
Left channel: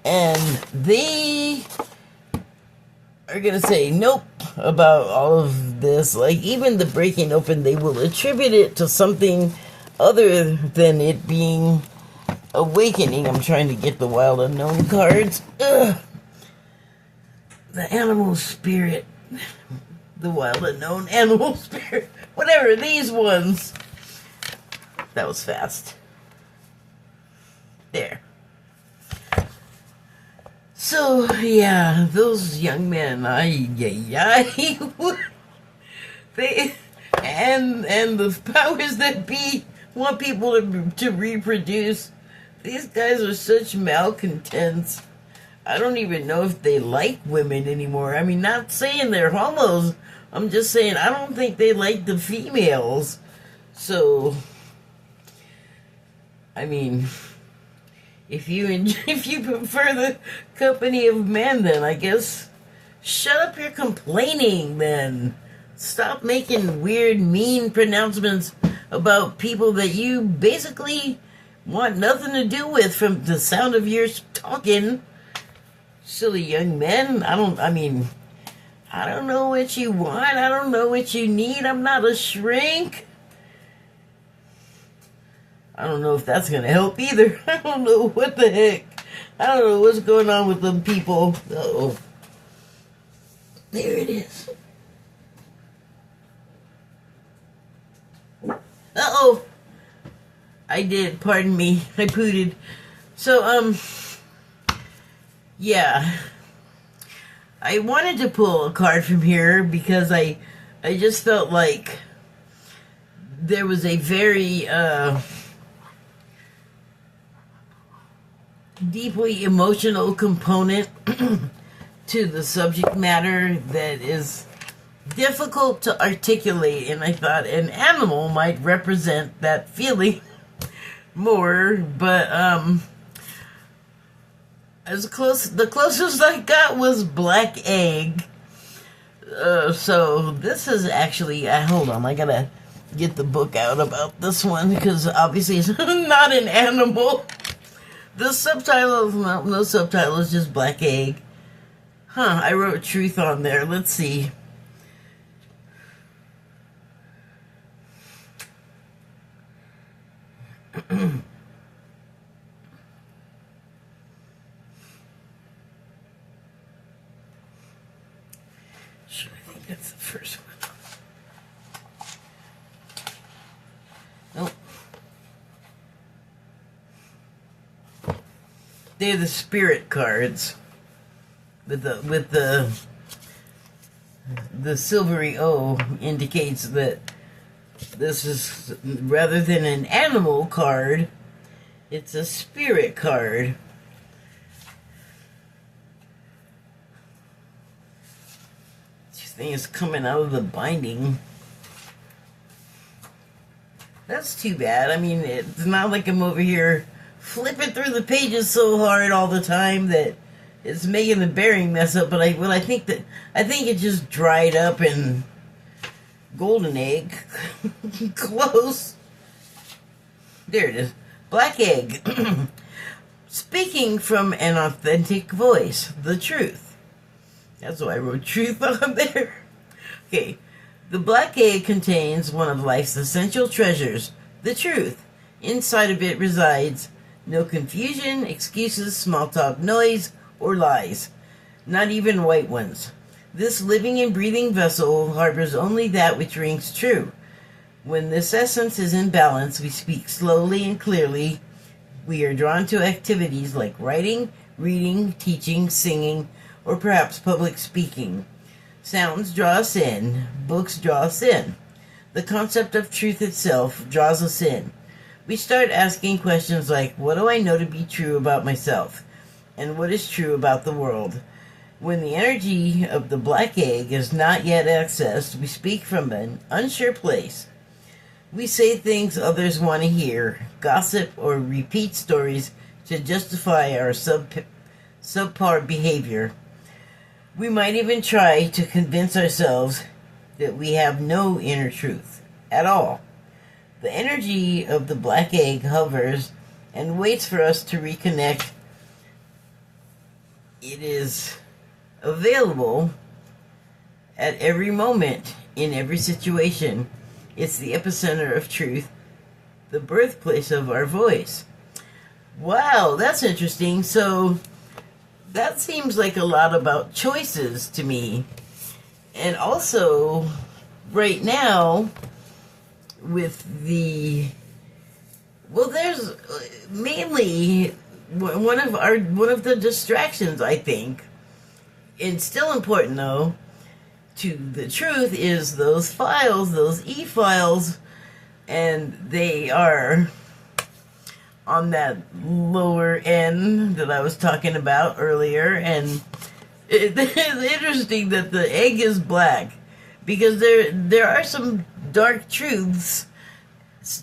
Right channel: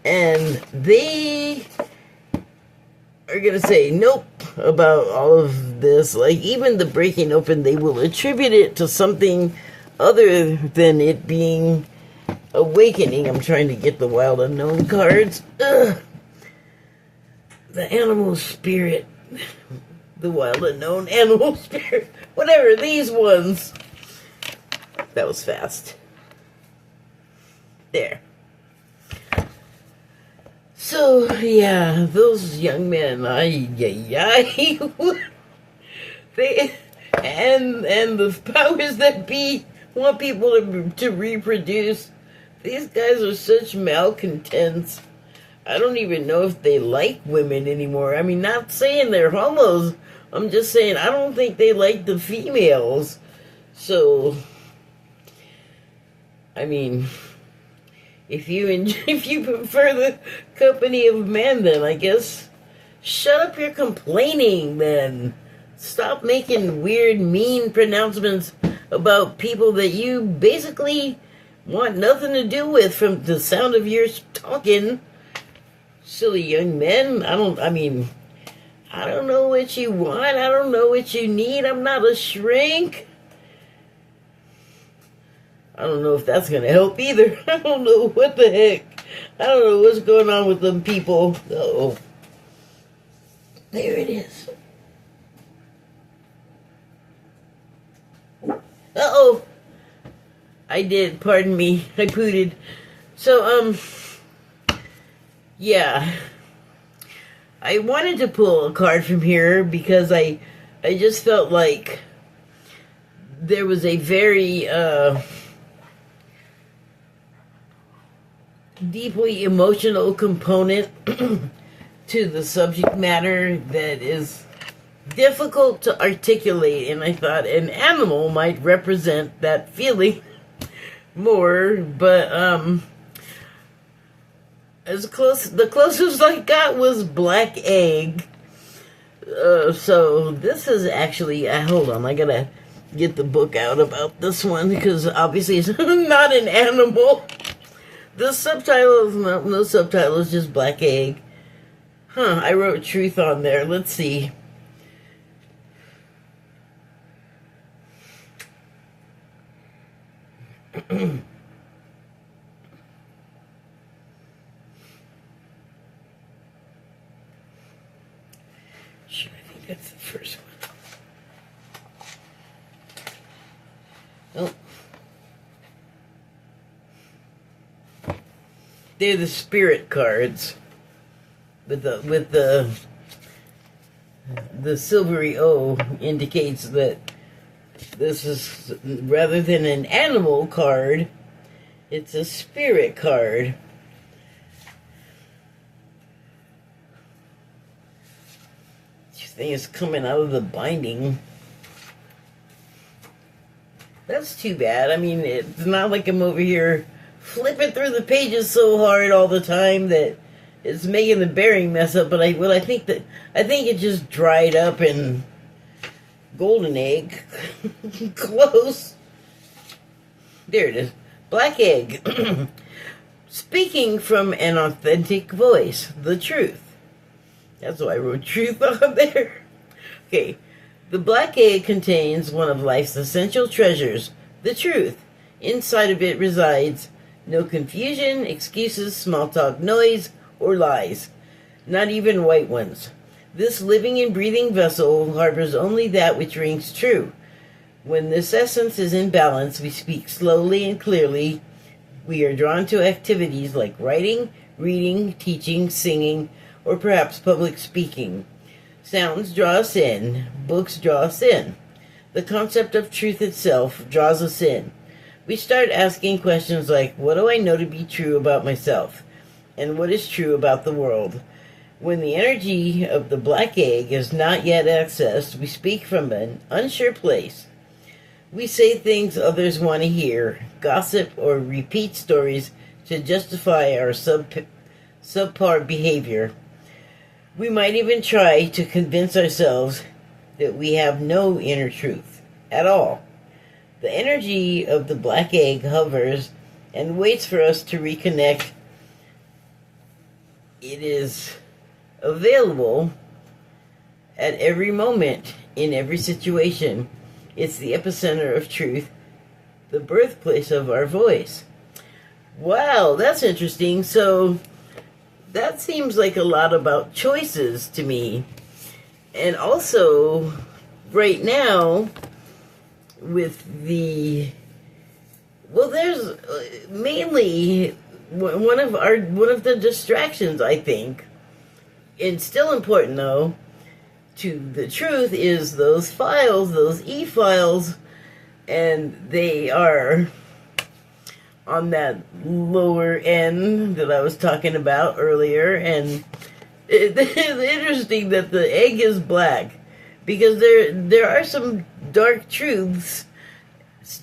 and they are going to say nope about all of this. Like, even the breaking open, they will attribute it to something other than it being awakening. I'm trying to get the wild unknown cards. Ugh. The animal spirit. The wild unknown animal spirit. Whatever, these ones. That was fast. There. So, yeah, those young men, they, and the powers that be want people to reproduce. These guys are such malcontents. I don't even know if they like women anymore. I mean, not saying they're homos. I'm just saying I don't think they like the females. So, I mean, if you prefer the company of men, then I guess shut up your complaining, then. Stop making weird, mean pronouncements about people that you basically want nothing to do with from the sound of your talking. Silly young men. I don't know what you want. I don't know what you need. I'm not a shrink. I don't know if that's going to help either. I don't know what the heck. I don't know what's going on with them people. Uh-oh. There it is. Uh-oh. I did. Pardon me. I pooted. So, yeah. I wanted to pull a card from here because I just felt like there was a very, deeply emotional component to the subject matter that is difficult to articulate, and I thought an animal might represent that feeling more, but the closest I got was black egg. So this is actually, hold on, I gotta get the book out about this one because obviously it's not an animal. The subtitle, no subtitle, is just black egg. I wrote truth on there. Let's see. Sure, I think that's the first one. Oh. They're the spirit cards with the silvery O indicates that this is, rather than an animal card, it's a spirit card. This thing is coming out of the binding. That's too bad. I mean, it's not like I'm over here flipping through the pages so hard all the time that it's making the bearing mess up. But I think it just dried up and golden egg. Close. There it is. Black egg. Speaking from an authentic voice. The truth. That's why I wrote truth on there. Okay. The black egg contains one of life's essential treasures. The truth. Inside of it resides no confusion, excuses, small talk, noise, or lies. Not even white ones. This living and breathing vessel harbors only that which rings true. When this essence is in balance, we speak slowly and clearly. We are drawn to activities like writing, reading, teaching, singing, or perhaps public speaking. Sounds draw us in. Books draw us in. The concept of truth itself draws us in. We start asking questions like, what do I know to be true about myself? And what is true about the world? When the energy of the black egg is not yet accessed, we speak from an unsure place. We say things others want to hear, gossip, or repeat stories to justify our subpar behavior. We might even try to convince ourselves that we have no inner truth at all. The energy of the black egg hovers and waits for us to reconnect. It is available at every moment, in every situation. It's the epicenter of truth, the birthplace of our voice. Wow, that's interesting. So that seems like a lot about choices to me. And also, right now, with the Well, there's mainly one of the distractions, I think, and still important though, to the truth is those files, those e-files, and they are on that lower end that I was talking about earlier, and it's interesting that the egg is black because there are some dark truths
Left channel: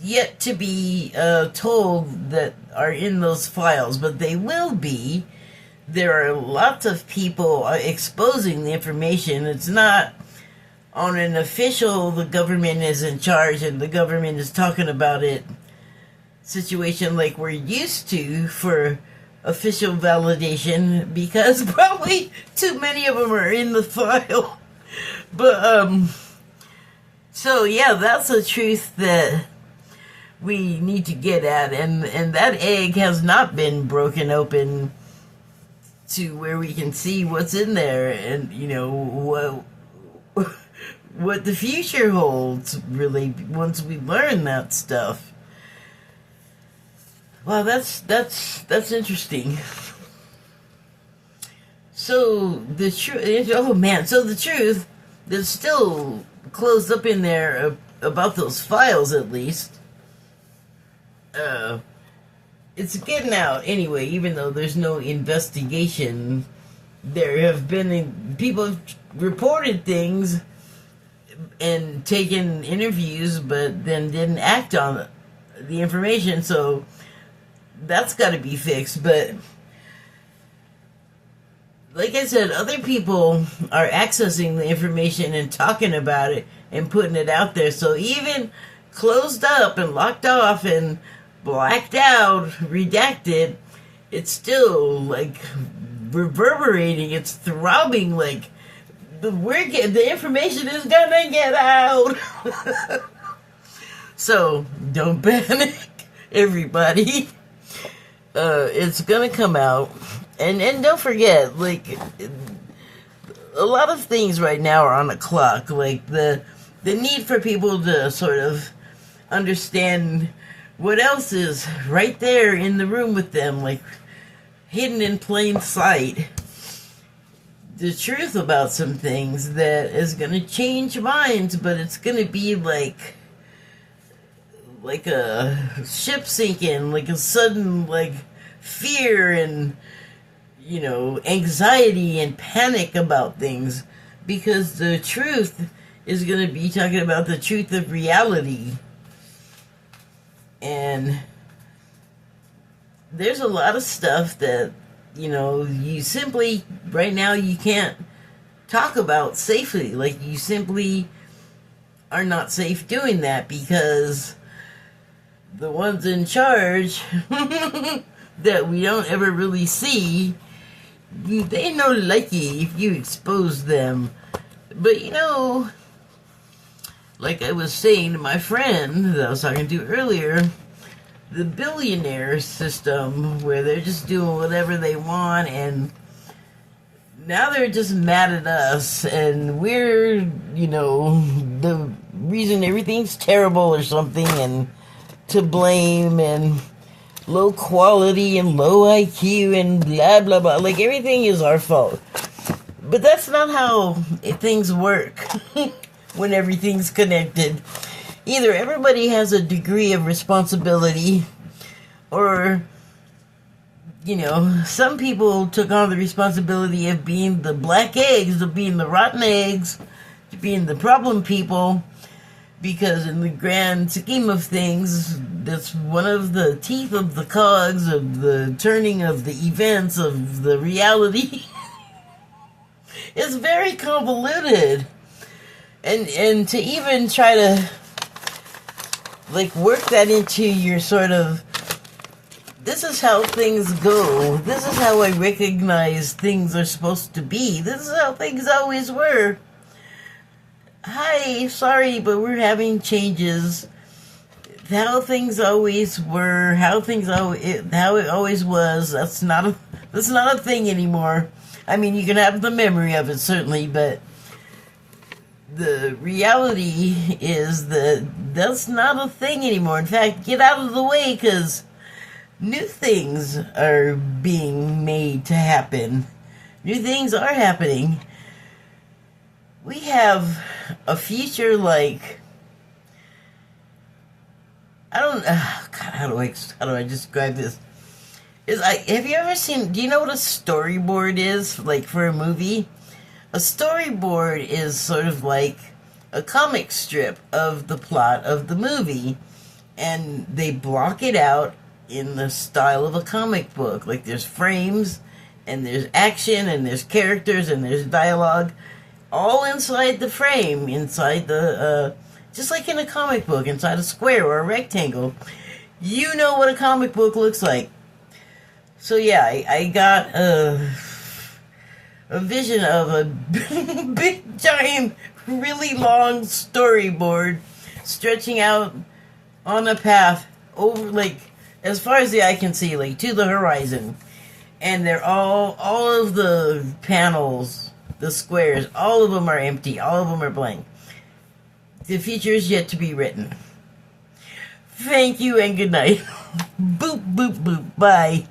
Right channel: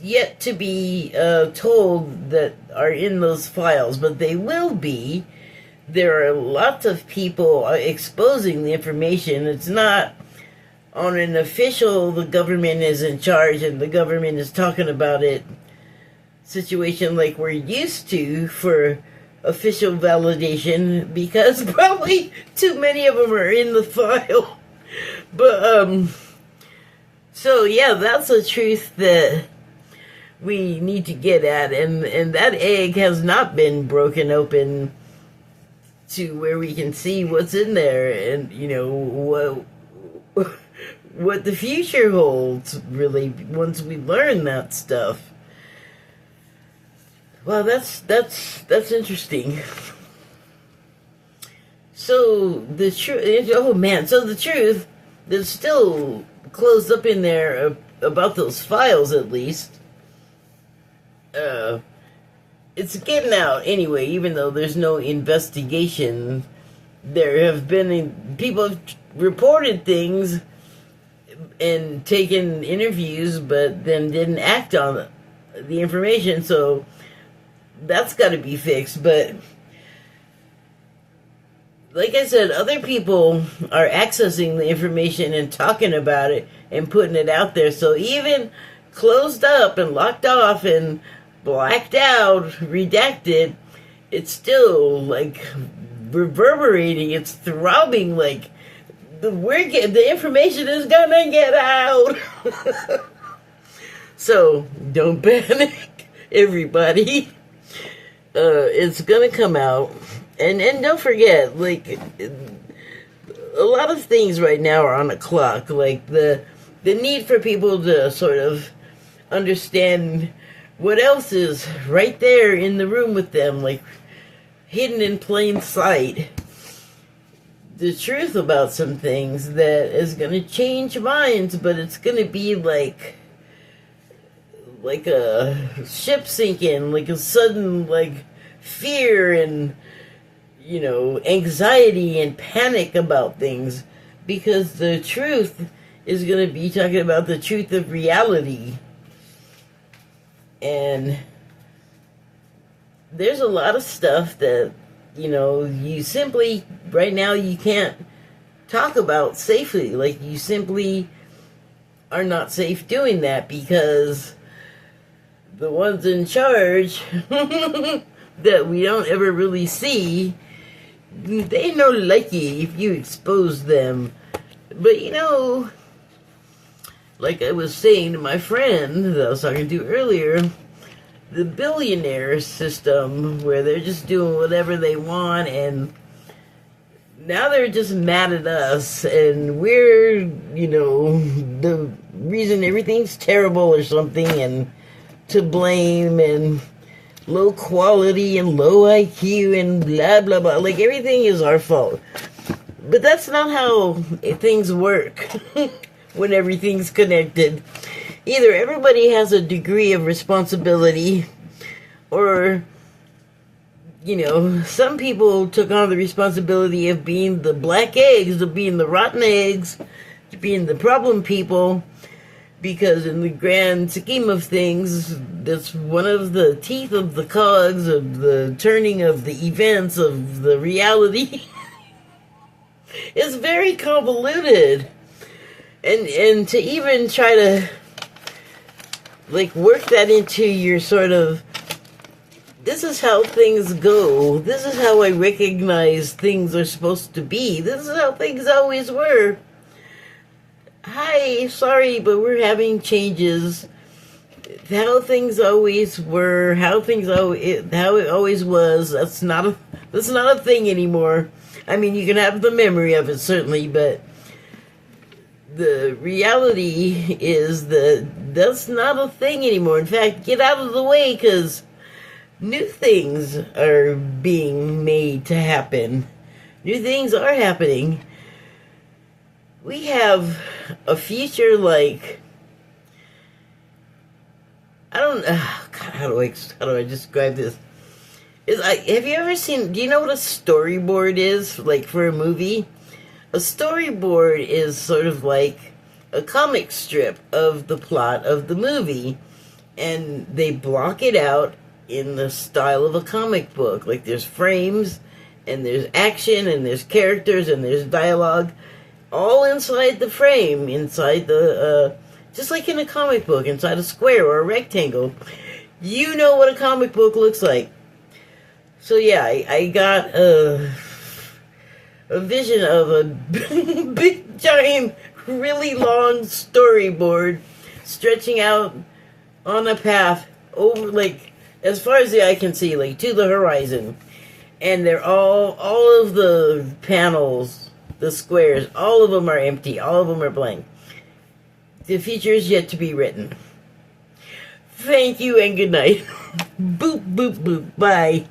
yet to be told that are in those files, but they will be. There are lots of people exposing the information. It's not on an official, the government is in charge and the government is talking about it situation like we're used to for official validation, because probably too many of them are in the file. But, so yeah, that's a truth that we need to get at, and that egg has not been broken open to where we can see what's in there, and you know what the future holds, really, once we learn that stuff. Well, that's interesting. So the truth, oh man, so the truth that's still closed up in there about those files, at least, it's getting out anyway, even though there's no investigation. There have been people have reported things and taken interviews, but then didn't act on the information, so that's got to be fixed. But like I said, other people are accessing the information and talking about it and putting it out there. So even closed up and locked off and blacked out, redacted, it's still like reverberating, it's throbbing, like the information is gonna get out. So don't panic, everybody. It's gonna come out, and don't forget, like, a lot of things right now are on the clock, like the need for people to sort of understand what else is right there in the room with them, like hidden in plain sight. The truth about some things that is going to change minds, but it's going to be like a ship sinking, like a sudden like fear and, you know, anxiety and panic about things, because the truth is going to be talking about the truth of reality. And there's a lot of stuff that, you know, you simply, right now, you can't talk about safely. Like, you simply are not safe doing that, because the ones in charge that we don't ever really see, they no like you if you expose them. But, you know, like I was saying to my friend that I was talking to earlier, the billionaire system, where they're just doing whatever they want, and now they're just mad at us, and we're, you know, the reason everything's terrible or something, and to blame, and low quality, and low IQ, and blah, blah, blah. Like, everything is our fault. But that's not how things work. When everything's connected, either everybody has a degree of responsibility, or, you know, some people took on the responsibility of being the black eggs, of being the rotten eggs, to being the problem people, because in the grand scheme of things, that's one of the teeth of the cogs of the turning of the events of the reality. It's very convoluted. And to even try to, like, work that into your sort of, this is how things go, this is how I recognize things are supposed to be, this is how things always were. Hi, sorry, but we're having changes. How things always were, how it always was, that's not a thing anymore. I mean, you can have the memory of it, certainly, but the reality is that that's not a thing anymore. In fact, get out of the way, because new things are being made to happen. New things are happening. We have a future like, I don't know, God, how do I describe this? Have you ever seen, do you know what a storyboard is, like, for a movie? A storyboard is sort of like a comic strip of the plot of the movie, and they block it out in the style of a comic book. Like, there's frames, and there's action, and there's characters, and there's dialogue, all inside the frame, inside the, just like in a comic book, inside a square or a rectangle. You know what a comic book looks like. So yeah, I got a vision of a big, giant, really long storyboard stretching out on a path over, like, as far as the eye can see, like, to the horizon. And they're all of the panels, the squares, all of them are empty. All of them are blank. The future is yet to be written. Thank you and good night. Boop, boop, boop. Bye.